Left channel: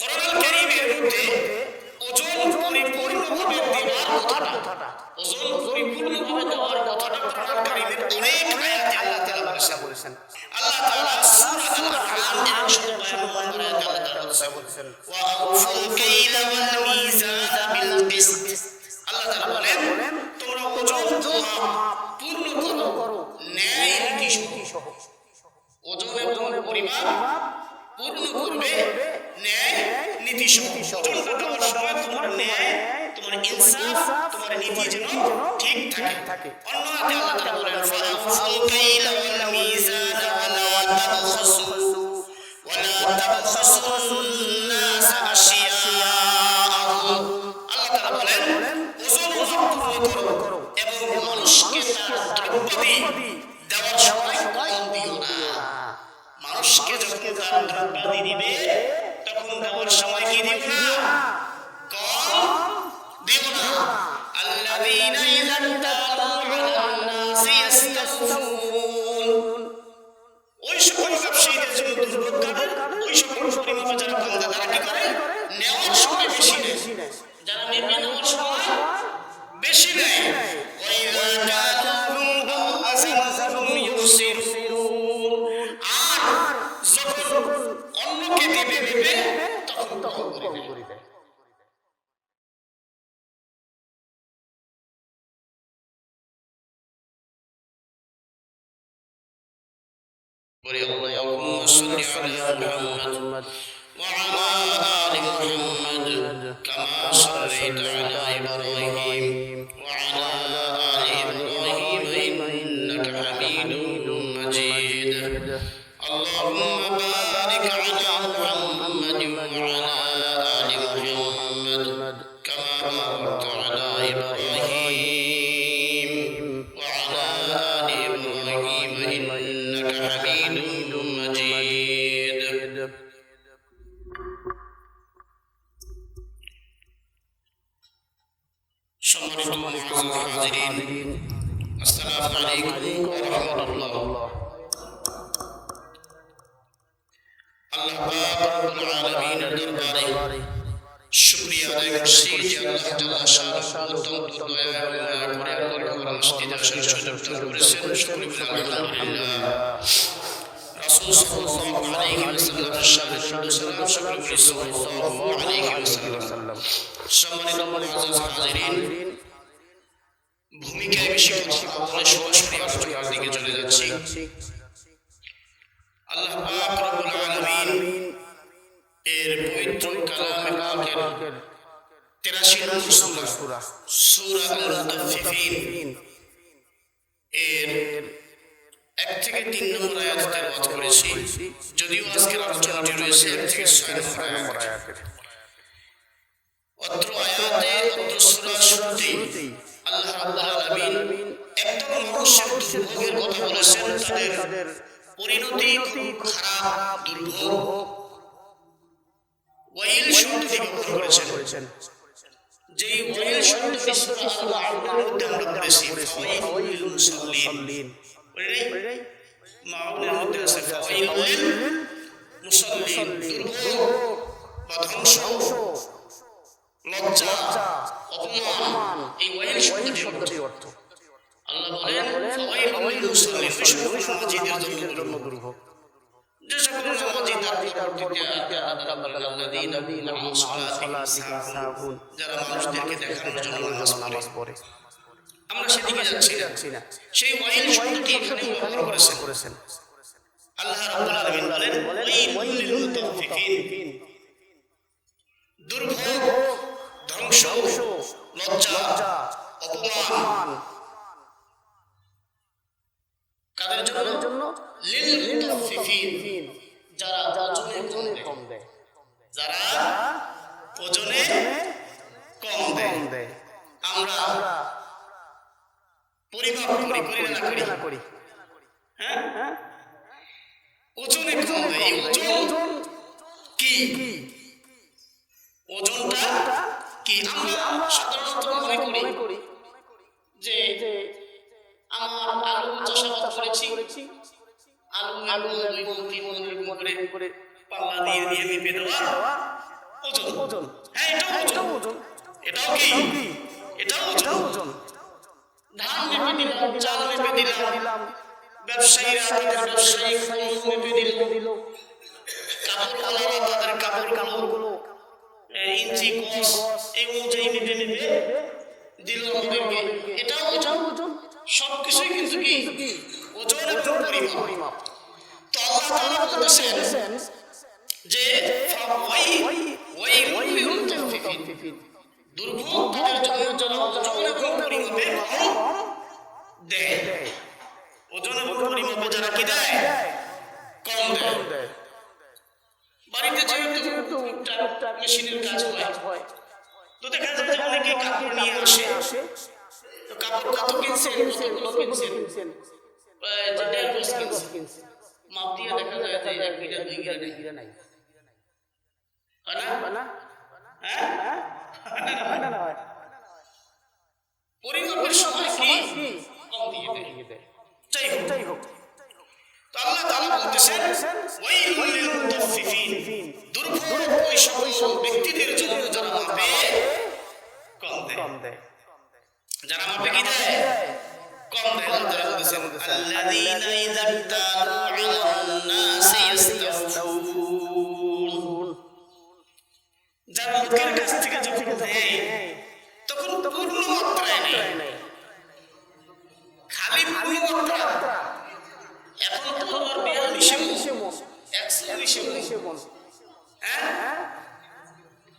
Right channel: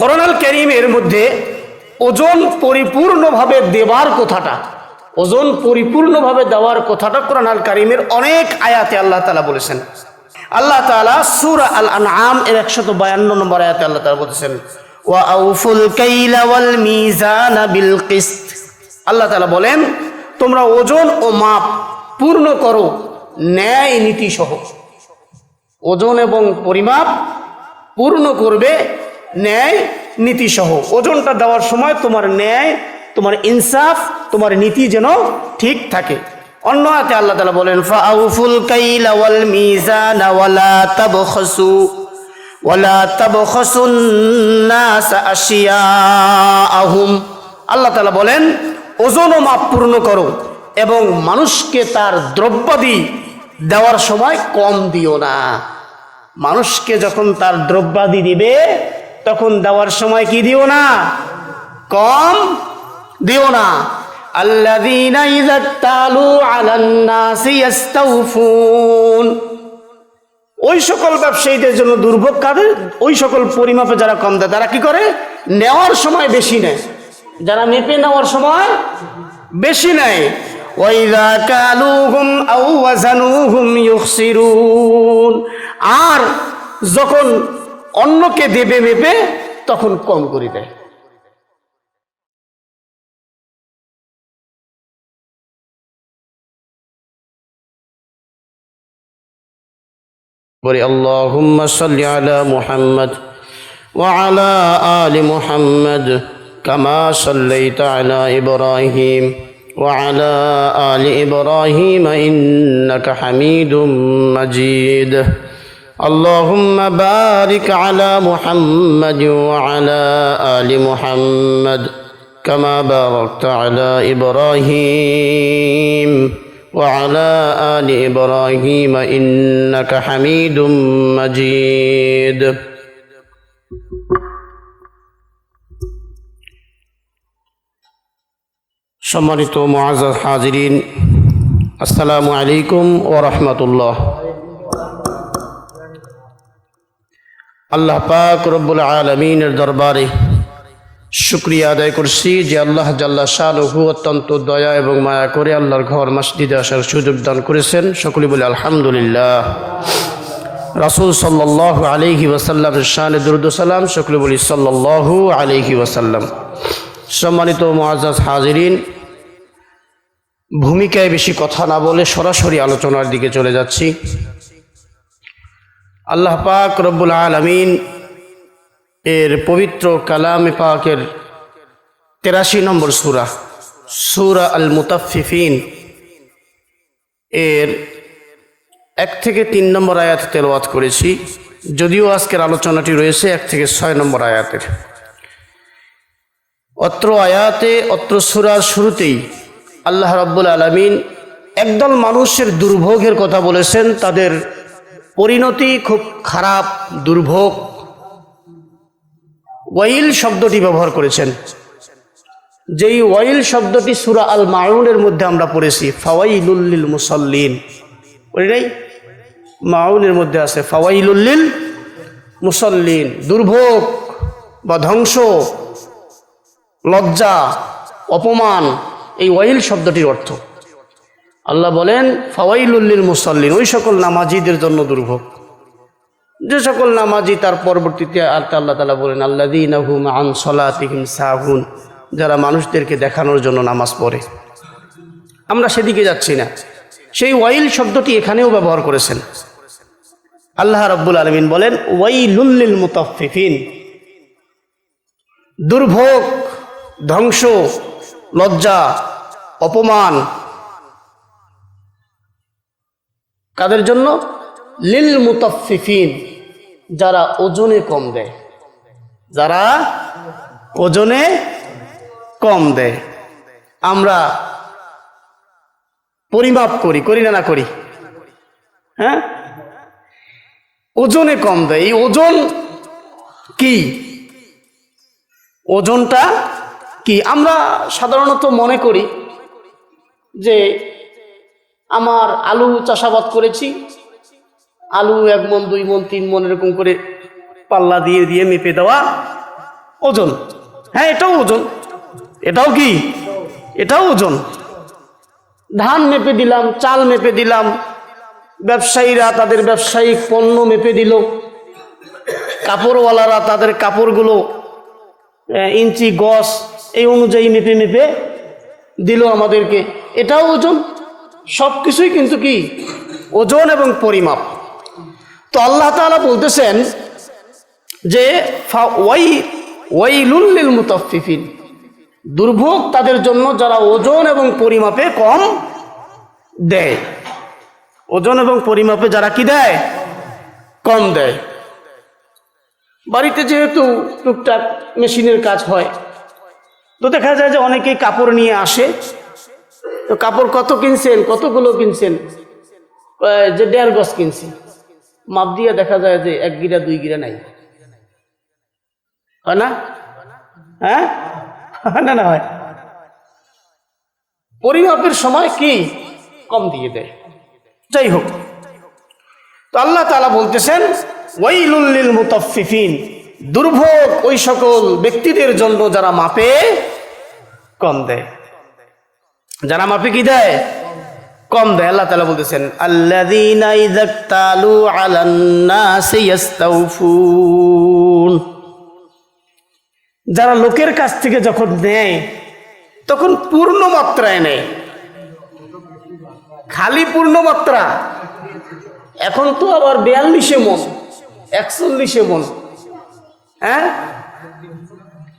কোরআনুল কারীমের মধ্যে ওজন পরিপূর্ণভাবে দেওয়ার কথাটা, ওজন পরিপূর্ণভাবে দেওয়ার কথাটা কোরআনুল কারীমের অনেক আয়াতে আল্লাহ তাআলা বলেছেন। আল্লাহ তাআলা সূরা আল আনআম এর 152 নম্বর আয়াতে আল্লাহ তাআলা বলেছেন, ওয়া আউফুল কাইলা ওয়াল মিজানা বিল কিসত। আল্লাহ তাআলা বলেন, তোমরা ওজন ও মাপ পূর্ণ করো ন্যায় নীতি সহ। ওজন এবং পরিমাপ পূর্ণ করবে ন্যায় নীতি সহ। ওজনটা দেওয়ার সময় তোমার ন্যায়, তোমার ইনসাফ, তোমার নীতি যেন ঠিক থাকে। অন্য আয়াতে আল্লাহ তাআলা বলেন, ফাআউফুল কাইলা ওয়াল মিজানা ওয়ালা তাবখাসুন নাস আশিয়াআহুম। আল্লাহ তাআলা বলেন, ওজন ও মাপ পূর্ণ করো এবং মানুষকে তার দ্রব্যাদি দেওয়ার সময় কম দিও না। মানুষকে যখন তার দ্রব্যাদি দিবে তখন দেওয়ার সময় কি দিও না? কম দিও না। আল্লাযীনা ইযা তালু আলান নাসি ইস্তাউফুন। ওই সকল ব্যবসায়ীদের জন্য দুর্ভোগ কাদের? ওই সকল পরিমাপে যারা কম দেয় তারা কি করে? নেওয়ার সময় বেশি নেয়, যারা মেপে নেওয়ার সময় বেশি নেয়। ওয়াইযা কালুহুম আও ওয়াজানুহুম ইউখসিরুন। আর যখন অন্যকে দেবে মেপে তখন কম করে দেয়। বলি আল্লাহুম্মা সাল্লি আলা মুহাম্মদ ওয়া আলা আলি মুহাম্মদ কামা সাল্লাইতা আলা ইব্রাহিম ওয়া আলা আলি ইব্রাহিম ইন্নাকা হামিদুম মাজিদ। اللهم بارك على محمد وعلى آل محمد كما باركت على إبراهيم وعلى آل إبراهيم إنك حميد مجيد। সম্মানিত মুআজ্জাজ হাজিরিন, আসসালামু আলাইকুম ওয়া রাহমাতুল্লাহ। আল্লাহ পাক রব্বুল আলামিনের দরবারে শুকরিয়া আদায় করছি যে আল্লাহ জাল্লা শানুহু অত্যন্ত দয়া এবং মায়া করে আল্লাহর ঘর মসজিদে আসার সুযোগ দান করেছেন। সকলে বলে আলহামদুলিল্লাহ। রাসূল সাল্লাল্লাহু আলাইহি ওয়াসাল্লামের শানে দুরূদ ও সালাম। সকলে বলি সাল্লাল্লাহু আলাইহি ওয়াসাল্লাম। সম্মানিত মুআজ্জাজ হাজিরিন, ভূমিকায় বেশি কথা না বলে সরাসরি আলোচনার দিকে চলে যাচ্ছি। আল্লাহ পাক রব্বুল আলামিন এর পবিত্র কালামে পাকের 83 নম্বর সূরা, সূরা আল মুতাফফিফিন এর 1 থেকে 3 নম্বর আয়াত তেলাওয়াত করেছি। যদিও আজকের আলোচনাটি রয়েছে 1 থেকে 6 নম্বর আয়াতের। অত্র আয়াতে, অত্র সূরার শুরুতেই আল্লাহ রাব্বুল আলামিন একদল মানুষের দুর্ভোগের কথা বলেছেন। তাদের পরিণতি খুব খারাপ, দুর্ভোগ। ওয়াইল শব্দটি ব্যবহার করেছেন, যেই ওয়াইল শব্দটি সূরা আল মাউনের মধ্যে আমরা পড়েছি, ফাওয়াইলুল লিল মুসাল্লিন। ওই মাউনের মধ্যে আছে ফাওয়াইলুল লিল মুসাল্লিন। দুর্ভোগ বা ধ্বংস, লজ্জা, অপমান, এই ওয়াইল শব্দটির অর্থ। আল্লাহ বলেন ফাওয়াইলুল লিল মুসাল্লিন, ওই সকল নামাজীদের জন্য দুর্ভোগ। যে সকল নামাজি তার পরবর্তীতে আল্লাহ তাআলা বলেন আল্লাযীনা হুম আন সালাতিহিম সাহুন, যারা মানুষদেরকে দেখানোর জন্য নামাজ পড়ে। আমরা সেদিকে যাচ্ছি না। সেই ওয়াইল শব্দটি এখানেও ব্যবহার করেছেন। আল্লাহ রাব্বুল আলামিন বলেন ওয়াইলুল লিল মুতাফফিফিন। দুর্ভোগ, ধ্বংস, লজ্জা, অপমান কাদের জন্য? লিল মুতাফফিফিন, যারা ওজনে কম দেয়। যারা ওজনে কম দেয়। আমরা পরিমাপ করি না না করি? হ্যাঁ, ওজনে কম দেয়। এই ওজন কি? ওজনটা কি? আমরা সাধারণত মনে করি যে আমার আলু চাষাবাদ করেছি, আলু 1 মণ 2 মণ 3 মণ এরকম করে পাল্লা দিয়ে দিয়ে মেপে দেওয়া, ওজন। হ্যাঁ, এটাও ওজন। এটাও কি? এটাও ওজন। ধান মেপে দিলাম, চাল মেপে দিলাম, ব্যবসায়ীরা তাদের ব্যবসায়িক পণ্য মেপে দিল, কাপড়ওয়ালারা তাদের কাপড়গুলো ইঞ্চি গজ এই অনুযায়ী মেপে মেপে দিল আমাদেরকে, এটাও ওজন। সব কিছুই কিন্তু কি? ওজন এবং পরিমাপ। তো আল্লাহ তাআলা বলতেছেন যে ওয়াইলুল লিল মুতাফফিফিন, দুর্ভোগ তাদের জন্য যারা ওজন এবং পরিমাপে কম দেয়। ওজন এবং পরিমাপে যারা কি দেয়? কম দেয়। বাড়িতে যেহেতু টুকটাক মেশিনের কাজ হয়, তো দেখা যায় যে অনেকেই কাপড় নিয়ে আসে। তো কাপড় কত কিনছেন, কতগুলো কিনছেন? যে 1.5 গজ কিনছি। মাপ দিয়ে দেখা যায় যে 1 গিরা 2 গিরা নাই, হয় না? হ্যাঁ, না না হয়। পরিমাপের সময় কি কম দিয়ে দেয়। যাই হোক, তো আল্লাহ তাআলা বলতেছেন ওয়াইলুল লিল মুতাফফিফিন, দুর্ভোগ ওই সকল ব্যক্তিদের জন্য যারা মাপে কম দেয়। যারা মাপে কি দেয়? কম দেয়। আল্লাহ তাআলা বলতেছেন আল্লাযীনা ইযাক্তালু আলান নাসি ইস্তাউফুন, যারা লোকের কাছ থেকে যখন নেয় তখন পূর্ণ মাত্রায় নেয়। খালি পূর্ণ মাত্রা। এখন তো আবার 42 মণ, 41 মণ। হ্যাঁ,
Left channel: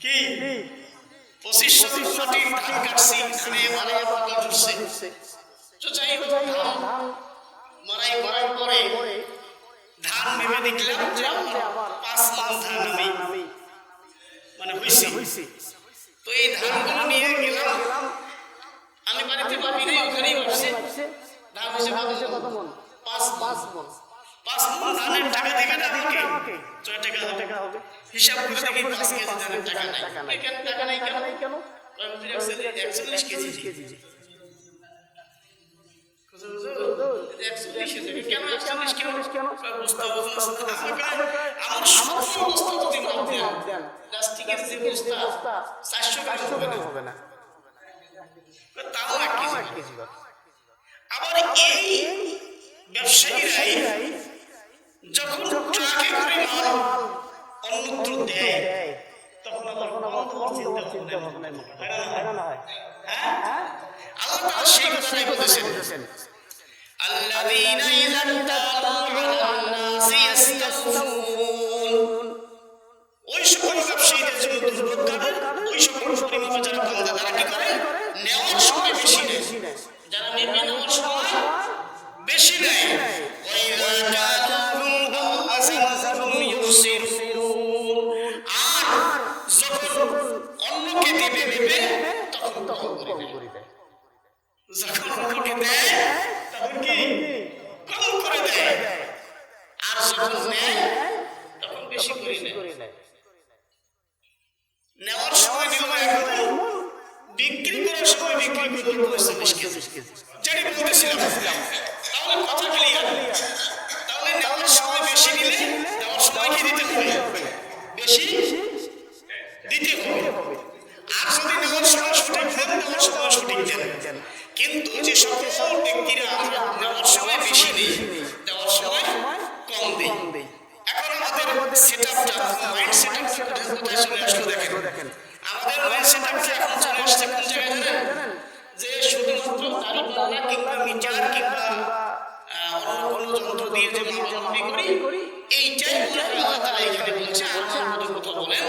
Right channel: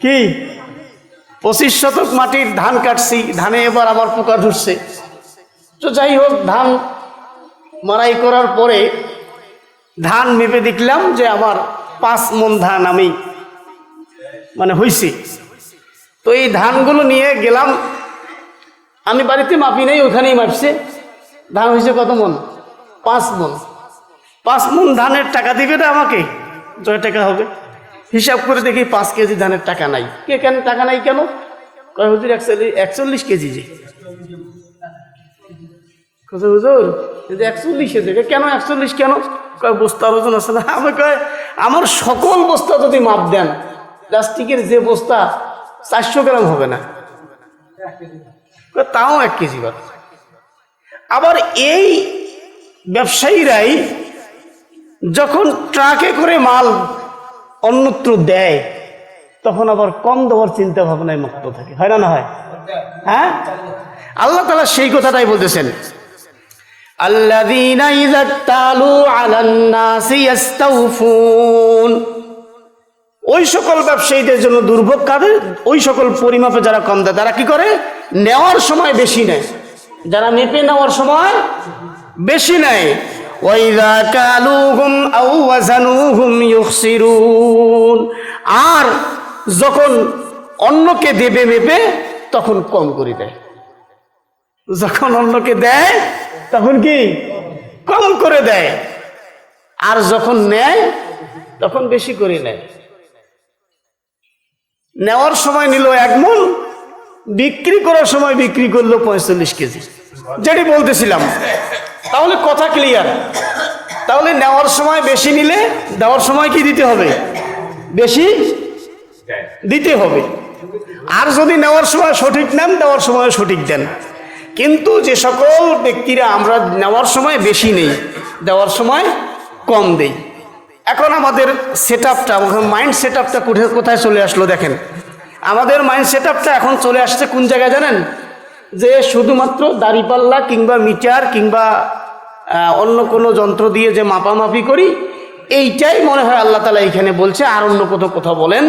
কি 25 শতক মাটির ধান কাটছি, ধানে এবার আবার পোকা ধরছে। তো যাই হোক, ধান মারাই করার পরে ধান মেপে দেখলাম যে আমার 5 মণ ধান আমি হইছি। তো এই ধানগুলো নিয়ে গেলাম, আমি বাড়িতে মাপি নাই, ওখানেই মাপছে। ধান হয়েছে কত মণ? 5 মণ। 5 মণ ধানের টাকা দিবে না আমাকে? জয় টাকা হবে। হিসাব করে দেখি 5 কেজি ধানের টাকা নাই। কেন টাকা নাই কেন? কয় হুজুর 41 কেজি। যে হুজুর 41 দেবে কেন? 41 কেন? কয় বস্তার ওজন আছে না। আমি কয় আমার সকল বস্তা যদি মাপ দেন, প্লাস্টিকের যে বস্তা 400 গ্রাম হবে না, তাও 1 কেজি হবে। আবার এই ব্যবসায়ীরাই যখন ট্রাকে করে মাল অন্যত্র দেয়, তখন আবার কম দেওয়ার চিন্তা ভাবনায় মুক্ত থাকে, হয় না? না হয়? হ্যাঁ, আল্লাহ তাআলা সেই কথাটাই বলতেছেন আল্লাযীনা ইযাক্তালু আলান নাসি ইস্তাউফুন, ওই সকল ব্যবসায়ীদের জন্য দুর্ভোগ কাদের? ওই সকল পরিমাপে যারা কম দেয়। তারা কি করে? নেওয়ার সময় বেশি নেয়। যারা মেপে নেওয়ার সময় বেশি নেয়। ওয়াইযা কালুহুম আও ওয়াজানুহুম ইউখসিরুন, আর যখন অন্যকে দেবে মেপে তখন কম করে দেয়। যখন অন্যকে দেয় তখন কি কম করে দেয়, আর যখন নেয় তখন বেশি করে নেয়। নেওয়ার সময় নিল 1 মণ, বিক্রি করার সময় বিক্রি করলো 45 কেজি। যেটি বলতেছিলাম, তাহলে কথা ক্লিয়ার। তাহলে নেওয়ার সময় বেশি নিলে দেওয়ার সময় কি দিতে হবে? বেশি দিতে হবে। আর যদি নেওয়ার সময় সঠিক নেন, দেওয়ার সময় সঠিক দেন। কিন্তু যে সকল ব্যক্তিরা আমরা নেওয়ার সময় বেশি নেই, দেওয়ার সময় কম দেই, এখন আমাদের সেটআপটা, মাইন্ড সেটআপটা কোথায় চলে আসলো দেখেন। আমাদের মাইন্ড সেটআপটা এখন চলে আসছে কোন জায়গায় জানেন? যে শুধুমাত্র দাঁড়িপাল্লা কিংবা মিটার কিংবা অন্য কোনো যন্ত্র দিয়ে যে মাপামাপি করি, এইটাই মনে হয় আল্লাহ তাআলা এখানে বলছে, আর অন্য কথা বলেন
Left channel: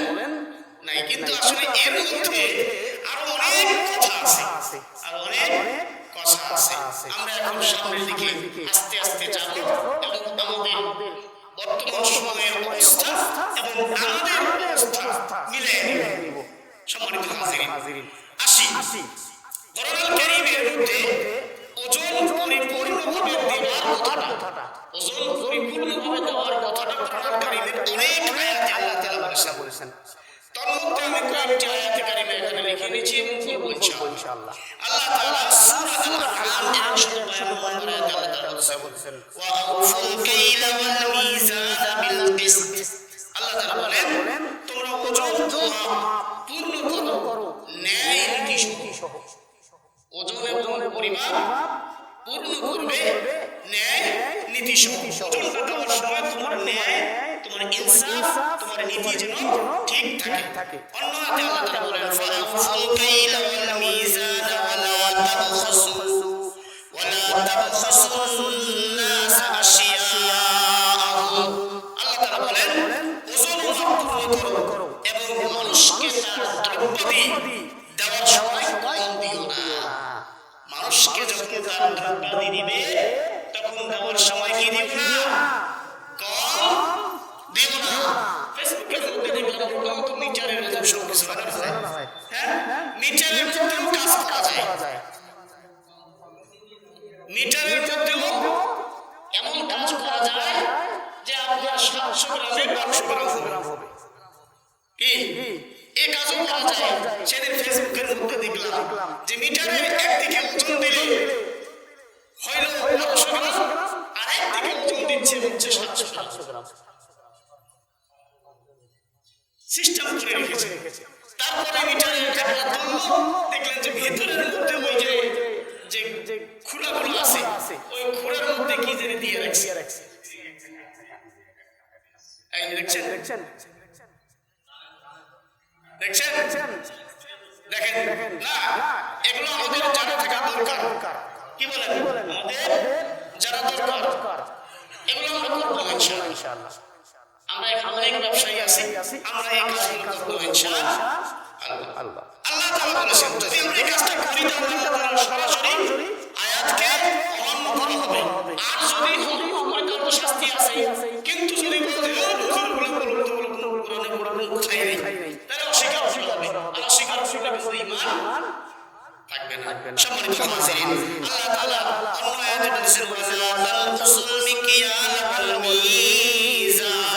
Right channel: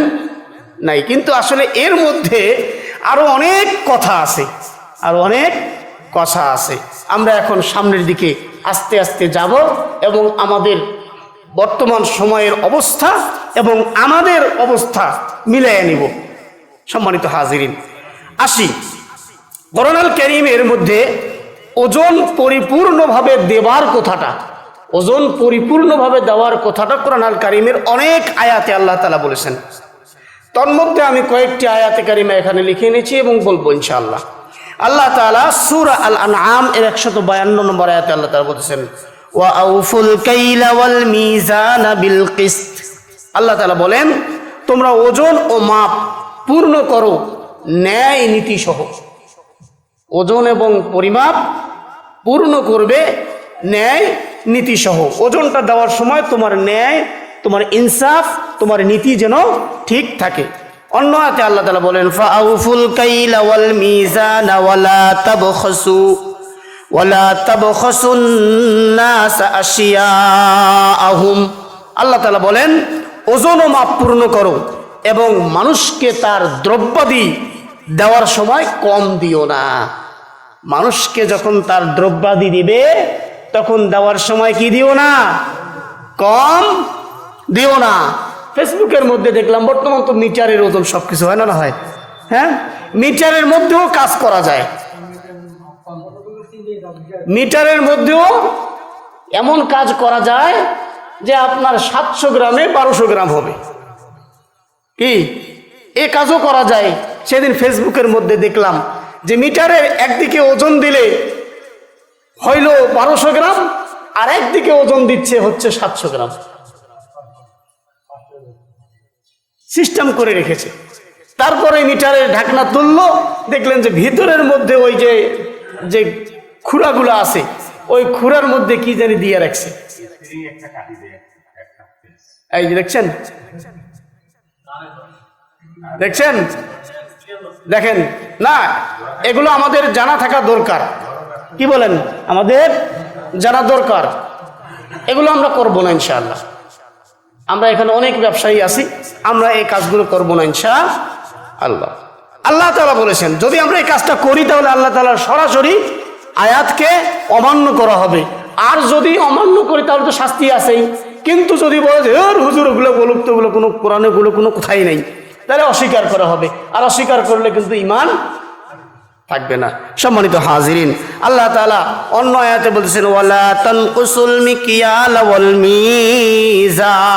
নাই। কিন্তু আসলে এর মধ্যে আরো অনেক কথা আছে, আরো অনেক কথা আছে। আমরা এখন সামনের দিকে আস্তে আস্তে যাব এবং আমাদের বর্তমান সময়ের অবস্থা এবং আমাদের অবস্থা মিলিয়ে নিব। সম্মানিত হাজিরিন, আসি কোরআনুল কারীমের মধ্যে ওজন পরিপূর্ণভাবে দেওয়ার কথাটা, ওজন পরিপূর্ণভাবে দেওয়ার কথাটা কোরআনুল কারীমের অনেক আয়াতে আল্লাহ তাআলা বলেছেন। তন্মধ্যে আমি কয়েকটি আয়াতে কারিমা এখানে লিখে নিয়েছি এবং বলবো ইনশাআল্লাহ। আল্লাহ তাআলা সূরা আল আনআম এর 152 নম্বর আয়াতে আল্লাহ তাআলা বলেছেন ওয়া আউফুল কাইলা ওয়াল মিজানা বিল কিসত। আল্লাহ তাআলা বলেন তোমরা ওজন ও মাপ পূর্ণ করো ন্যায় নীতি সহ। ওজন এবং পরিমাপ পূর্ণ করবে ন্যায় নীতি সহ। ওজনটা দেওয়ার সময় তোমার ন্যায়, তোমার ইনসাফ, তোমার নীতি যেন ঠিক থাকে। অন্য আয়াতে আল্লাহ তাআলা বলেন ফাআউফুল কাইলা ওয়াল মিজানা ওয়ালা তাবখাসুন নাস আশিয়াআহুম। আল্লাহ তাআলা বলেন ওজন ও মাপ পূর্ণ করো এবং মানুষকে তার দ্রব্যাদি দেওয়ার সময় কম দিও না। মানুষকে যখন তার দ্রব্যাদি দিবে তখন দেওয়ার সময় কি দিও না, কম দিও না। ফেসবুকের মধ্যে দেখলাম বর্তমান তো মিটারের ওজন সবকিছু হয় না, না হয়? হ্যাঁ, মিটারের মধ্যেও কাজ করা যায়। মিটারের মধ্যেও এমন কাজ করা যায় যে আপনার 700 গ্রামে 1200 গ্রাম হবে। কি এ কাজও করা যায়। সেদিন ফেসবুকের মধ্যে দেখলাম যে মিটারের একদিকে ওজন দিলে হইল 1200 গ্রাম আর একদিকে ওজন দিচ্ছে হচ্ছে 700 গ্রাম। সিস্টেম করে রেখেছে। তারপরে মিটারের ঢাকনা তুললো, দেখলেন যে ভিতরের মধ্যে ওই যে যে খুঁড়াগুলো আছে ওই খুঁড়ার মধ্যে কি জানি দিয়ে রাখছে। এই যে দেখছেন, দেখছেন, দেখেন না, এগুলো আমাদের জানা থাকা দরকার। কি বলেন? আমাদের জানা দরকার। এগুলো আমরা করবো না ইনশাআল্লাহ। আমরা এখানে অনেক ব্যবসায়ী আছি, আমরা এই কাজগুলো করবো না ইনশাআল্লাহ। আল্লাহ তাআলা বলেছেন যদি আমরা এই কাজটা করি তাহলে আল্লাহ তাআলার সরাসরি আয়াতকে অমান্য করা হবে। আর যদি অমান্য করি তাহলে তো শাস্তি আছেই। কিন্তু যদি বলে যে হুজুর ওগুলো বলুক, তো ওগুলো কোনো কোরআনে ওগুলো কোনো কোথায় নেই, তাহলে অস্বীকার করা হবে। আর অস্বীকার করলে কিন্তু ঈমান থাকবে না। সম্মানিত হাজিরিন, আল্লাহ তাআলা অন্য আয়াতে বলতেছেন ওয়ালা তানকুসুল মিকিয়াল ওয়াল মিজান।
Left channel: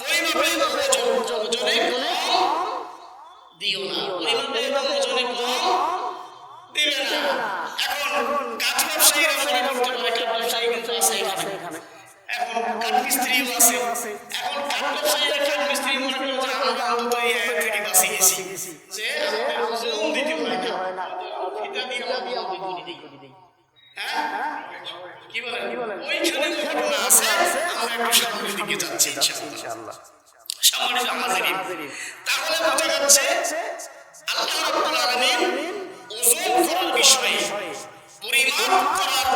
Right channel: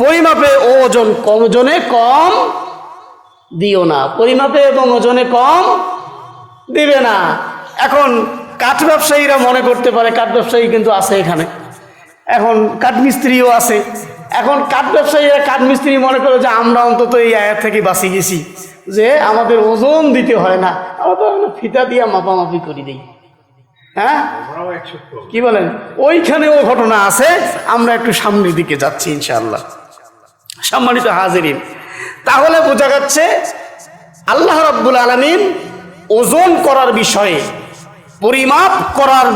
পরিমাপে ও ওজন কম, ওজনে কম দিও না। পরিমাপে এবং ওজনে কম দিবে না। এখন কাঠ ব্যবসায়ীরা মনে করতে পারে, কাঠ ব্যবসায়ী কিন্তু আছে এখানে, এখন কাঠ মিস্ত্রিও আছে। এখন কাঠ ব্যবসায়ীরা কাঠ মিস্ত্রি মনে করে যে আমরা অন্তত এই আয়াত থেকে বাঁচি গেছি, যে আমাদের ওজন দিতে হয় না, আমরা তো ফিতা দিয়ে মাপামাপি করে দিই। হ্যাঁ, কি বলেন? ওইখানেও ঘটনা আছে। আমরা একটু সামনের দিকে যাচ্ছি ইনশাআল্লাহ। সম্মানিত হাজিরিন, তাহলে বোঝা যাচ্ছে আল্লাহ রাব্বুল আলামিন ওজন করার বিষয়ে, পরিমাপ করার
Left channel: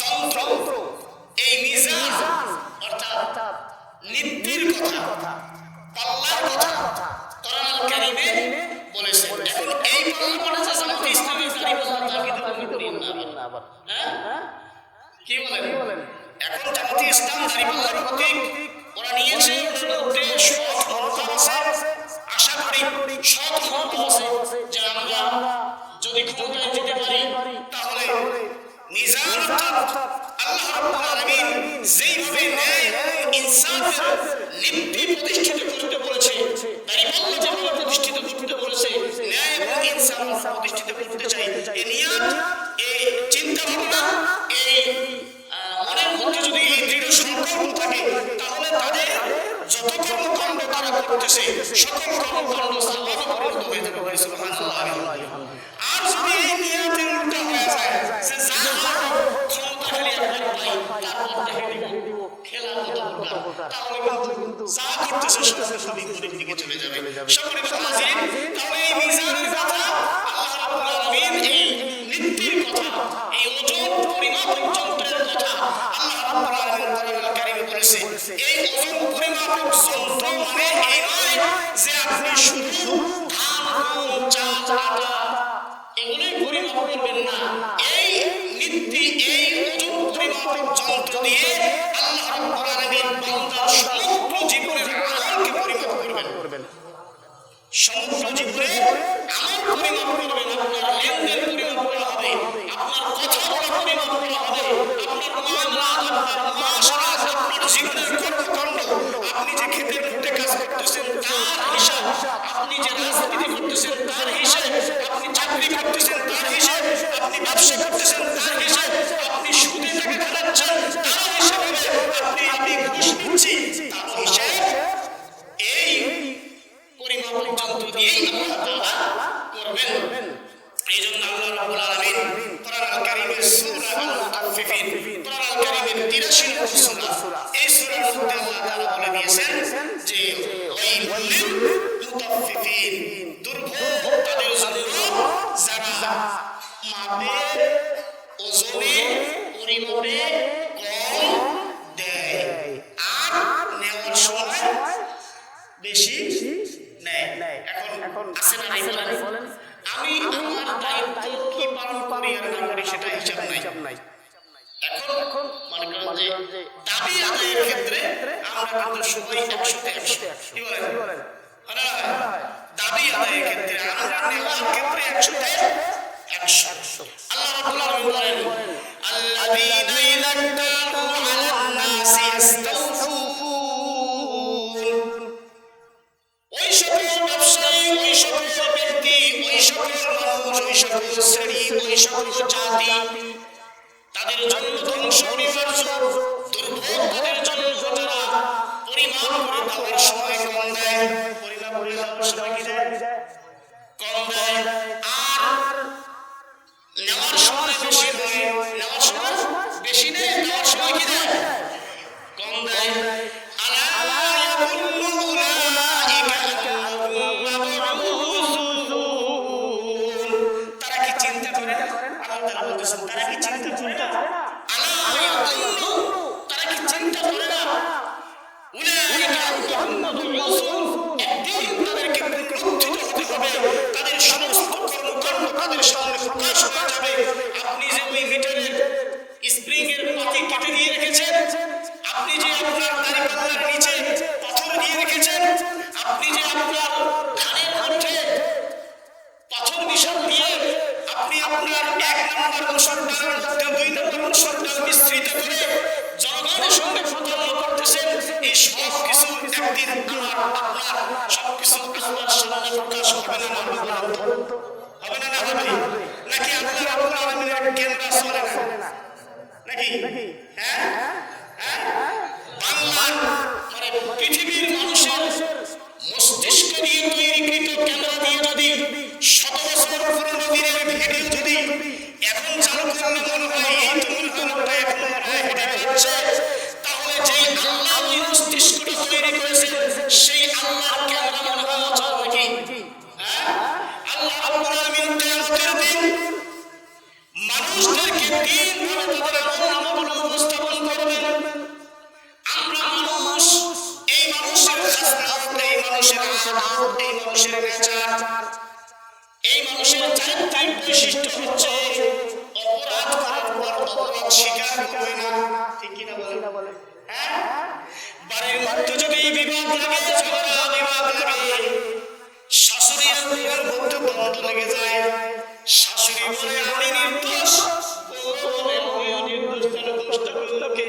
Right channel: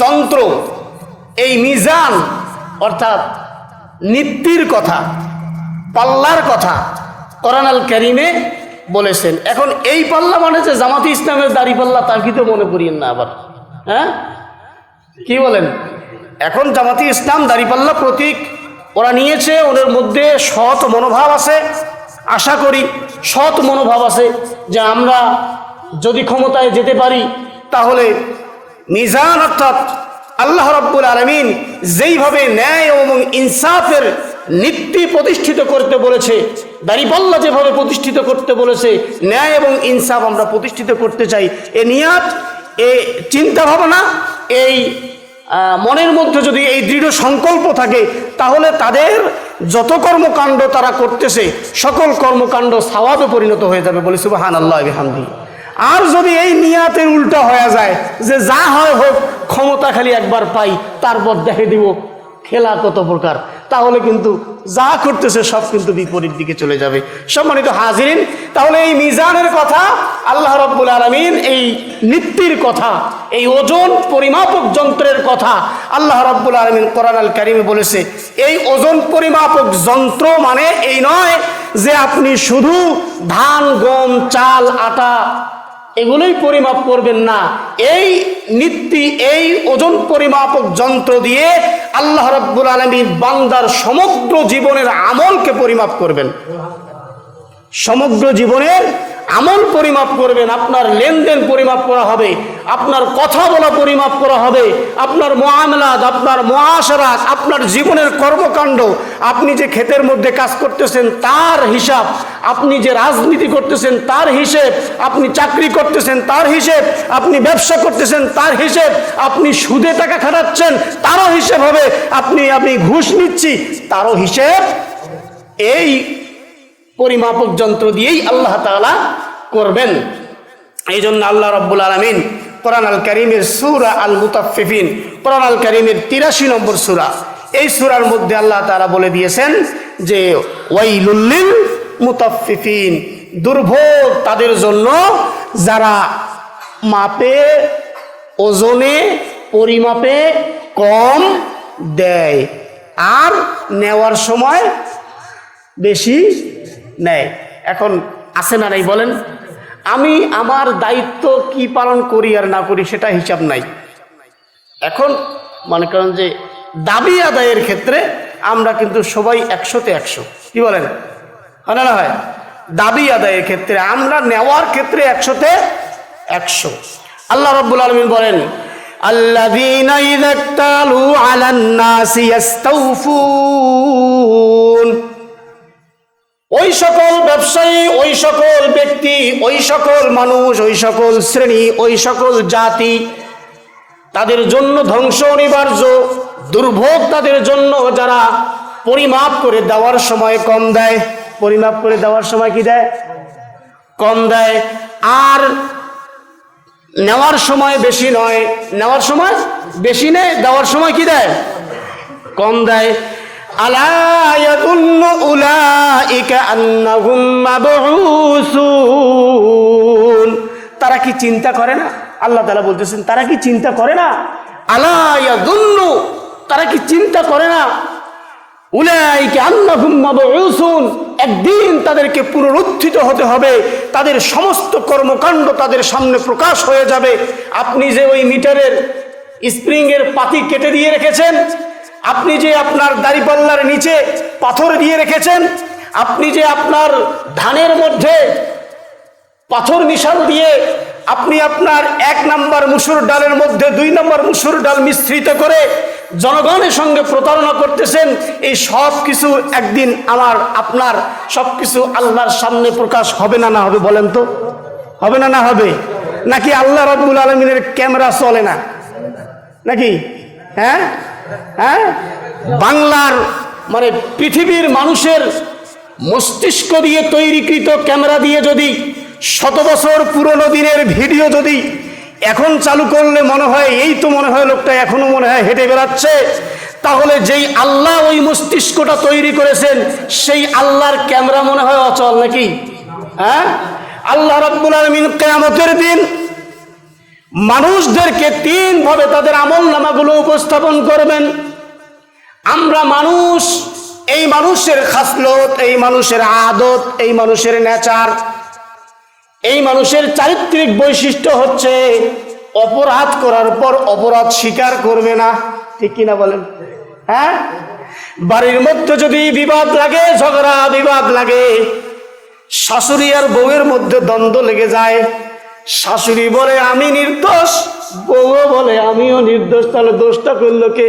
যন্ত্র, এই মিজান অর্থাৎ নিত্যির কথা, পাল্লার কথা কোরআন আল কারীমে বলেছেন। এখন এই পাল্লা মানে যে জামাতে ইসলামের দাড়ি পাল্লা, তা কি তো মনে করিয়েন না আবার। হ্যাঁ, কি বলেন? এখন জামাতে ইসলাম দাড়ি পাল্লা প্রতীক ওরা নিয়েছে, ওদের মধ্যে সৎ মনোভাব আছে। আশা করি সৎ মনোভাব আছে যে আমরা যদি ক্ষমতায় যেতে পারি তাহলে মিজান অর্থাৎ আল্লাহ রাব্বুল আলামিন যেইভাবে ন্যায় এবং ইনসাফের নীতি প্রতিষ্ঠিত করতে বলেছে, দাড়িপাল্লা যেভাবে প্রতিষ্ঠিত করতে বলেছে, ন্যায় এবং ইনসাফ আমরা প্রতিষ্ঠিত করতে চাই। এ নিয়াত, এ চিন্তা ভাবনা, এই মনের মধ্যে যদি এই দৃঢ় সংকল্প থাকে তাহলে তাদের যত কর্মকাণ্ড তারা করতেছে সকল কর্মকাণ্ড সওয়াবে পরিণত হয়ে যাবে। বলি সুবহানাল্লাহ ওয়া বিহামদিহি। আর যদি এই নিয়াতের উল্টা হয়ে যায় যে যা হয় হোক, ক্ষমতা খালি একবার পাই, তারপর দেখে দিব খেলা কত প্রকার, তাহলে কিন্তু যা করতেছে সব কিন্তু বিপরীত দিকে চলে যাবে। সম্মানিত হাজিরিন, তাহলে এই মিজানের কথা আল্লাহ রাব্বুল আলামিন, এই নিত্যির কথা, এই ওজন পরিমাপক যন্ত্রের কথা আল্লাহ রাব্বুল আলামিন কোরআন আল কারীমে বলেছে। এই ওজন পরিমাপক যন্ত্র মানে এই নয় যে আপনি শুধু ধান, গম, চাল, আটা এগুলোই পরিমাপ করবেন না। এই নীতি, এই ওজন পরিমাপক যন্ত্র দিয়ে আল্লাহ রাব্বুল আলামিন বান্দার সমগ্র জীবনের আমলকে পরিমাপ করবেন। সমগ্র জীবনের আমল পরিমাপ করবেন। আপনার লেনদেন পরিমাপ করা হবে, আপনার কথা বলা পরিমাপ করা হবে, আপনার মুআমালাত, আপনার মুআশারাত, আপনার জীবনের কর্মকাণ্ড, আপনি যে ক্ষেতের মধ্যে কাজ করতেছেন তার হিসাব, আপনি যে রাজনীতি করতেছেন তার হিসেব, আপনি চাকরি করতেছেন তার হিসেব, আপনি ব্যবসা করতেছেন তার হিসেব, আপনি সুদে টাকা খাটাচ্ছেন তারও হিসেব হবে, আপনি ঘুষ নিচ্ছি তারও হিসেব এই পরিমাপক যন্ত্র দিয়েই আল্লাহ তাআলা করবেন। এই জন্য আল্লাহ রাব্বুল আলামিন কোরআন আল কারীমের সূরা আল মুতাফফিফিন, কোরআন আল কারীমের 83 নম্বর সূরা, এই সূরার মধ্যে আল্লাহ তাআলা বলে দিয়েছেন যে ওয়াইলুল লিল মুতাফফিফিন, দুর্ভোগ তাদের জন্য যারা মাপে ওজনে পরিমাপে কম দেয় আর নেওয়ার সময় বেশি নেয়। এখন আছে না নাই বলেন? আমি আমার দায়িত্ব কি পালন করি আর না করি সেটা হিসাব নাই। এখন মনে করেন যে দাবি আদায়ের ক্ষেত্রে আমরা কিন্তু সবাই 100-তে 100, কি বলেন? হয় না হয়? দাবি আদায়ের ক্ষেত্রে আমরা নেওয়ার ক্ষেত্রে 100-তে 100। আল্লাহ রাব্বুল আলামিন বলেন আল্লাযীনা ইযা ইক্তালু আলান নাসি ইস্তাওফুন, ওই সকল ব্যবসায়ী, ওই সকল ব্যক্তি, ওই সকল মানুষ, ওই সকল শ্রেণী, ওই সকল জাতি, তাদের জন্য ধ্বংস অনিবার্য, দুর্ভোগ তাদের জন্য যারা পরিমাপ করে দেওয়ার সময় কম দেয়। পরিমাপ করে দেওয়ার সময় কি দেয়? কম দেয়। আর নেওয়ার সময় বেশি নয়, নেওয়ার সময় বেশি নেয়, দেওয়ার সময় কি দেয়? কম দেয়। আলা ইয়াযুন্নু উলাইকা আন্নাহুম মাবউসুন, তারা কি চিন্তা করে না? আল্লাহ তাআলা বলতেছেন তারা কি চিন্তা করে না? আলা ইয়াযুন্নু, তারা কি চিন্তা করে না? উলাইকা আন্নাহুম মাবউসুন, একদিন তাদেরকে পুনরুত্থিত হতে হবে, তাদের সমস্ত কর্মকাণ্ড তাদের সামনে প্রকাশ হয়ে যাবে। আপনি যে ওই মিটারের স্প্রিংয়ের পাতি কেটে দিয়ে রেখেছেন, আপনি যে আপনার দাড়িপাল্লার নিচে পাথর দিয়ে রেখেছেন, আপনি যে আপনার ধানের মধ্যে পাথর মিশাল দিয়ে আপনি আপনার 1 নম্বর মুসুর ডালের মধ্যে 2 নম্বর মুসুর ডাল মিশ্রিত করে জনগণের সঙ্গে প্রতারণা করতেছেন, এই সব কিছু একদিন আমার আপনার সব কিছু আল্লাহর সামনে প্রকাশ হবে না? না হবে বলেন তো? হবে না? না হবে? নাকি আল্লাহ রাব্বুল আলামিনের ক্যামেরা চলে না নাকি? হ্যাঁ হ্যাঁ, বাংলার মানে পৃথিবীর মানুষের মস্তিষ্ক দিয়ে তৈরিকৃত ক্যামেরা দিয়ে যদি 100 বছর পুরনো দিনের ভিডিও যদি এখন চালু করলে মনে হয় এই তো মনে হয় লোকটা এখনো মনে হয় হেঁটে বেড়াচ্ছে, তাহলে যেই আল্লাহ ওই মস্তিষ্কটা তৈরি করেছেন সেই আল্লাহর ক্যামেরা মনে হয় অচল নাকি? হ্যাঁ, আল্লাহ রাব্বুল আলামিন কিয়ামতের দিন মানুষদেরকে 3 ভাবে তাদের আমলনামাগুলো উপস্থাপন করবেন। আমরা মানুষ, এই মানুষের খাসলত, এই মানুষের আদত, এই মানুষের নেচার, এই মানুষের চারিত্রিক বৈশিষ্ট্য হচ্ছে অপরাধ করার পর অপরাধ স্বীকার করবে না, ঠিক কিনা বলেন? হ্যাঁ, বাড়ির মধ্যে যদি বিবাদ লাগে, ঝগড়া বিবাদ লাগে, শাশুড়ি আর বউয়ের মধ্যে দ্বন্দ্ব লেগে যায়, শাশুড়ি বলে আমি নির্দোষ, বউ বলে আমিও নির্দোষ, তাহলে দোষটা করলো কে?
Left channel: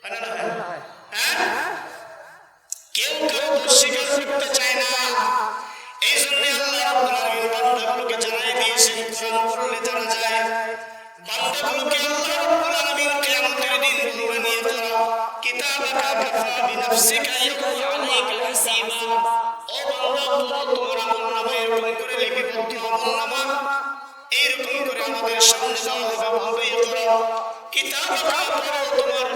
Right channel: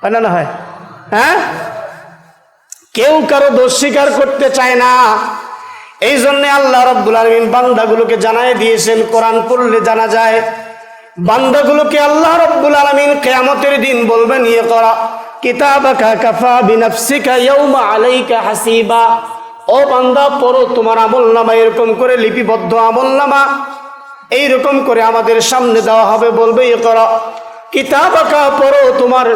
হয় না? না হয়? হ্যাঁ, কেউ কারো দোষ স্বীকার করতে চায় না। এই জন্য আল্লাহ রাব্বুল আলামিন বান্দাগুলোকে জানায় দিয়েছেন, কোরআন পড়লে জানা যায় বান্দাগুলোকে আল্লাহ রাব্বুল আলামিন কিয়ামতের দিন বলবেন ইকরা কিতাবাকা কাফা বিনাফসিকা ইয়াউমা আলাইকা হাসিবা, ও বান্দা পড়ো তোমার আমলনামা, এরকম করে লিপিবদ্ধ আমলনামা এইরকম করে আমাদের সামনে দেওয়া হবে, বলবে ইকরা কিতাবাকা, পড়ো তোমার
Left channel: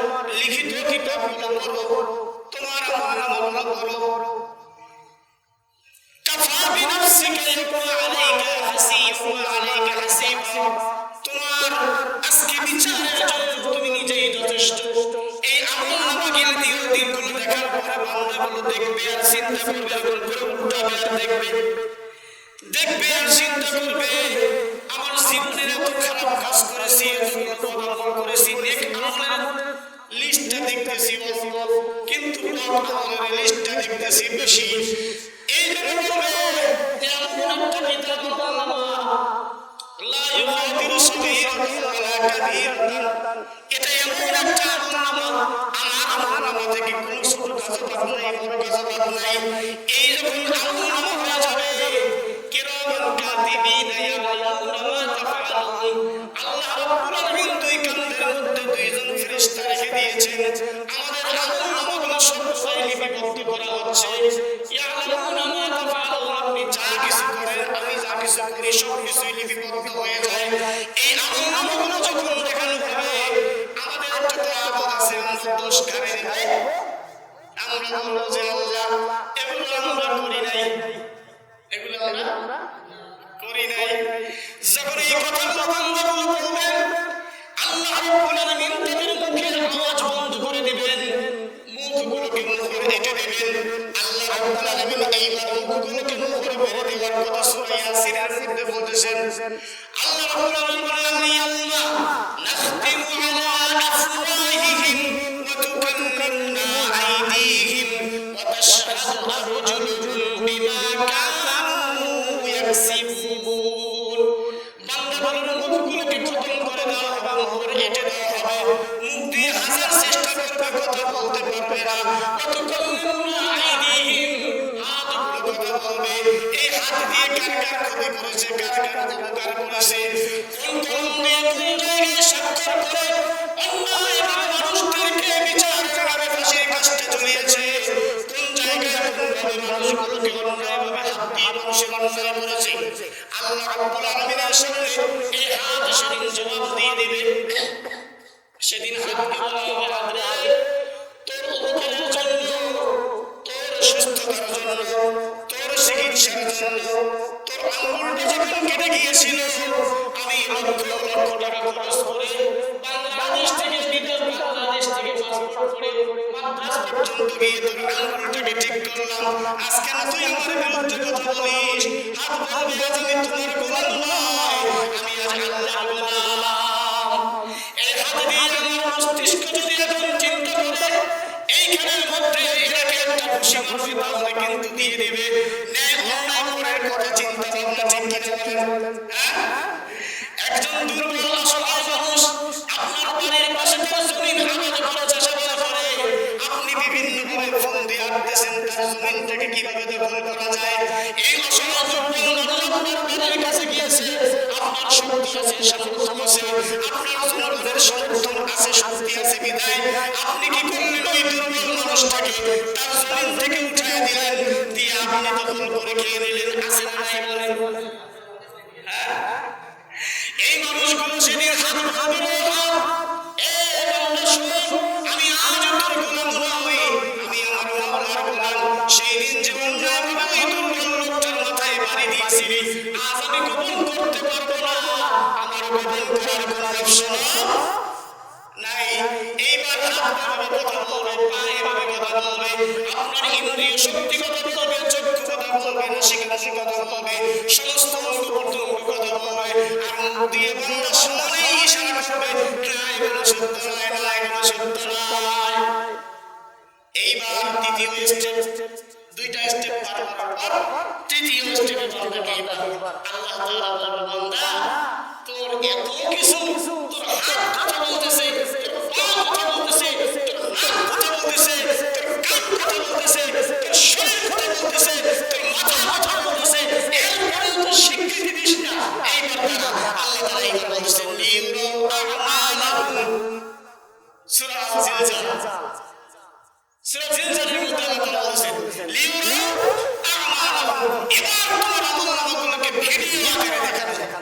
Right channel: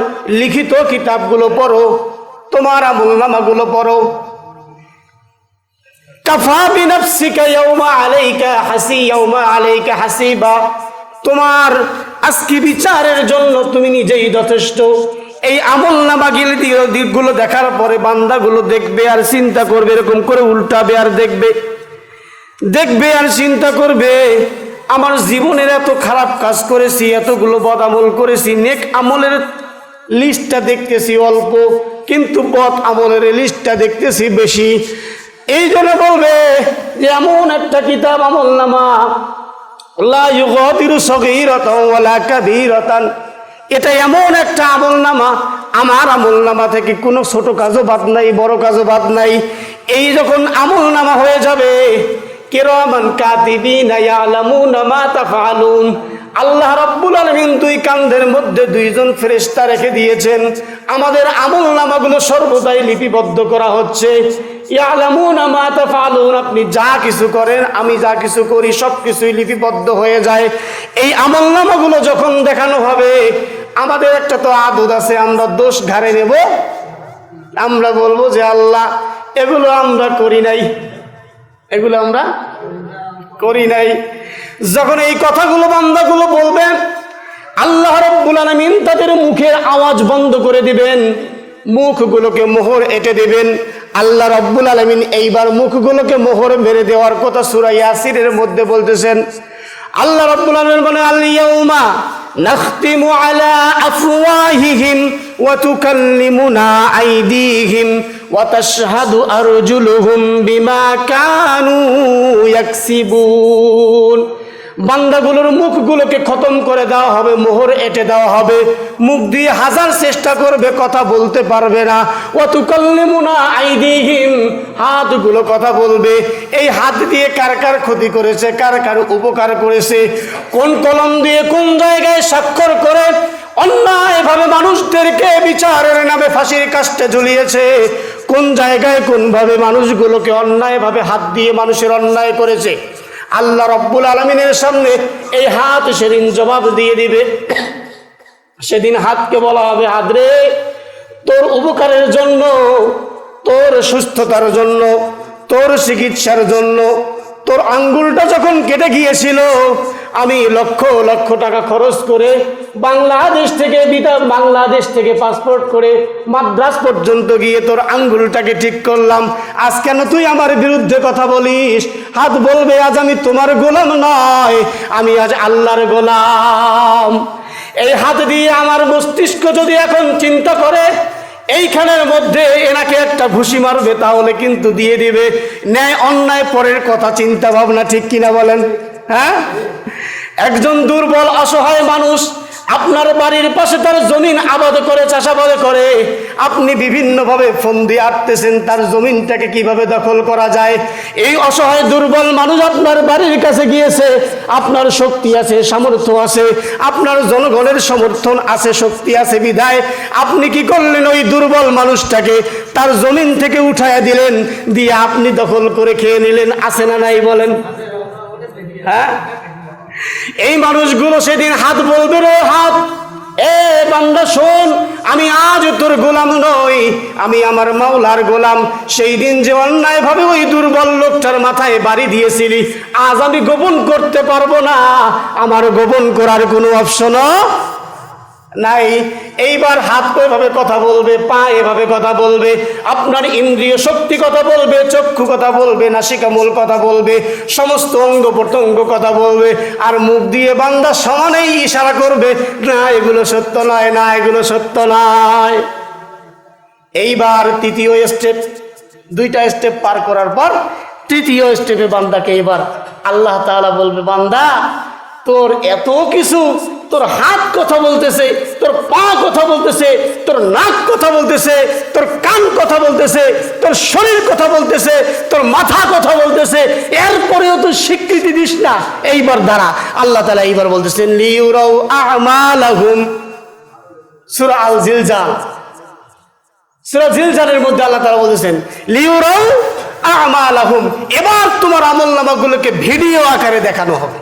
লিখিত কিতাবগুলো পড়ো, তোমার আমলনামাগুলো পড়ো। কাফা বিনাফসিকা ইয়াউমা আলাইকা হাসিবা, তোমার আজকে বিচারের জন্য তুমি নিজেই যথেষ্ট। এই আমলনামাগুলো দিকগুলো দেখার পরে বান্দাগুলো দেখবে আর চিন্তা করবে, এরকম করে উল্টাবে আর দেখবে আর চিন্তা করবে, আমার জীবনের এত খারাপ কাজ করেছি, এতগুলো বদ আমল করেছি, নেক আমলের লিস্টটা দেখতেছি অল্প, কিন্তু বদ আমলের লিস্টটা দেখতেছি বেশি। এই জন্য বলবে যে এমন একটা কিতাব আমলনামা, লা ইউগাদিরু সগীরাতান ওয়ালা কাবীরাতান, এটা এমন একটা আমলনামা, আমার আমলনামা থেকে কোনো ছোট কাজও বাদ নাই, বড় কাজও বাদ নাই। এই যখন আমলনামা হয়ে যাবে, কিরামান কাতিবিনা ইয়ালামুনা মা তাফআলুন, আল্লাহ রাব্বুল আলামিন 2 কাঁধের মধ্যে 2 জন ফেরেশতা রেখে দিয়েছেন। আমাদের আমল নামাগুলো সর্বদাই লিপিবদ্ধ করা হচ্ছে। ইয়ালামুনা মা তাফআলুন, আপনি যা কিছু করেন, আমি যা কিছু করি, সব কিছুই লিপিবদ্ধ হয়ে যায়। এই আমল নামাগুলো যখন দেখানো হবে, আমাদের একটা তো আদত আছে, আমরা দোষ ঘাড়ে নেব, আমরা বলবো যে আল্লাহ এগুলো আমরা করি নাই, এগুলো আমরা করি নাই। যখন এই কথাগুলো বান্দাগুলো বলবেন, আল্লাহ রাব্বুল আলামিন তাদের মুখের আওয়াজ বন্ধ করে দিবেন, মুখগুলোকে মোহর এঁটে দিবেন। আল্লাহ রাব্বুল আলামিন এইবার মুখগুলোকে মোহর মেরে দেওয়ার কথা সূরা ইয়াসিনের মধ্যে বলতেছেন। আল্লাহ রাব্বুল আলামিন বলেন, আল ইয়াউমা নাখতিমু আলা আফওয়াহিহিম ওয়া তুকাল্লিমুনা আইদিহিম ওয়া তাশহাদু আরজুলুহুম বিমা কানু ইয়াকসিবুন। বান্দাগুলোর মুখগুলোকে খতম করে দেওয়া হবে, মোহর এঁটে দেওয়া হবে। মুখ দিয়ে হাজার চেষ্টা করবে, কথা বলতে পারবে না। ওয়া তুকাল্লিমুনা আইদিহিম, হাতগুলো কথা বলবে। এই হাত দিয়ে কার কার ক্ষতি করেছে, কার কার উপকার করেছে, কোন কলম দিয়ে কোন জায়গায় স্বাক্ষর করে অন্যায়ভাবে মানুষদেরকে বিচারের নামে ফাঁসির কাস্টে ঝুলিয়েছে, কোন জায়গায় কোনভাবে মানুষগুলোকে অন্যায়ভাবে হাত দিয়ে মানুষের অন্যায় করেছে। আল্লাহ রাব্বুল আলামিনের সামনে এই হাত সেদিন জবাব দিয়ে দিবে। সেদিন হাতকে বলা হবে, হাত রে, তোর উপকারের জন্য, তোর সুস্থতার জন্য, তোর চিকিৎসার জন্য তোর আঙ্গুলটা যখন কেটে গিয়েছিল, আমি লক্ষ লক্ষ টাকা খরচ করে বাংলাদেশ থেকে পাসপোর্ট করে মাদ্রাজ পর্যন্ত গিয়ে তোর আঙ্গুলটাকে ঠিক করলাম। আজ কেন তুই আমার বিরুদ্ধে কথা বলিস? হাত বলবে, আজ আমি তোমার গোলাম নয়, আমি আজ আল্লাহর গোলাম। এই হাত দিয়ে আমার মস্তিষ্ক যদি এখন চিন্তা করে এইখানের মধ্যে এনাকে একটা ঘুষি মারবে, তাহলে কিন্তু দিয়ে দিবে। ন্যায় অন্যায় পরের কথা চিন্তা ভাবনা, ঠিক কিনা বলেন? হ্যাঁ, একজন দুর্বল অসহায় মানুষ আপনার বাড়ির পাশে তার জমিন আবাদ করে, চাষাবাদ করে, আপনি বিভিন্নভাবে ফোন দিয়ে আটতেছেন তার জমিনটাকে কিভাবে দখল করা যায়। এই অসহায় দুর্বল মানুষ আপনার বাড়ির কাছে গিয়েছে, আপনার শক্তি আছে, সামর্থ্য আছে, আপনার জনগণের সমর্থন আছে, শক্তি আছে বিধায় আপনি কি করলেন? ওই দুর্বল মানুষটাকে তার জমিন থেকে উঠাইয়া দিলেন, দিয়ে আপনি দখল করে খেয়ে নিলেন। আছে না নাই বলেন? হ্যাঁ, এই মানুষগুলো সেদিন হাত বলবে, রে হাত, এ বান্দা শোন, আমি আজ তোর গোলাম নই, আমি আমার মাওলার গোলাম। সেই দিন যে অন্যায় ভাবে ওই দুর্বল লোকটার মাথায় বাড়ি দিয়েছিলি, আজ আমি গোপন করতে পারবো না, আমার গোপন করার কোনো অপশনও নাই। এইবার হাত এভাবে কথা বলবে, পা এভাবে কথা বলবে, আপনার ইন্দ্রিয় শক্তি কথা বলবে, চক্ষু কথা বলবে, নাসিকামূল কথা বলবে, সমস্ত অঙ্গ প্রত্যঙ্গ কথা বলবে, আর মুখ দিয়ে বান্দা সমানেই ইশারা করবে, না এগুলো সত্য নয়, না এগুলো সত্য নয়। এইবার তৃতীয় স্টেপ, দুইটা স্টেপ পার করার পর তৃতীয় স্টেপে বান্দাকে এবার আল্লাহ তাআলা বলবে, বান্দা তোর এত কিছু, তোর হাত কথা বলতেছে, তোর পা কথা বলতেছে, তোর নাক কথা বলতেছে, তোর কান কথা বলতেছে, তোর শরীর কথা বলতেছে, তোর মাথা কথা বলতেছে, এরপরেও তুই স্বীকৃতি দিস না। এইবার দ্বারা আল্লাহ তাআলা এইবার বলতেছেন, লিউরাউ আমালাহুম, সূরা আল জিলজাল, সূরা জিলজালের মধ্যে আল্লাহ তাআলা বলতেছেন, লিউরাউ আমালাহুম, এবার তোমার আমলনামাগুলোকে ভিডিও আকারে দেখানো হবে।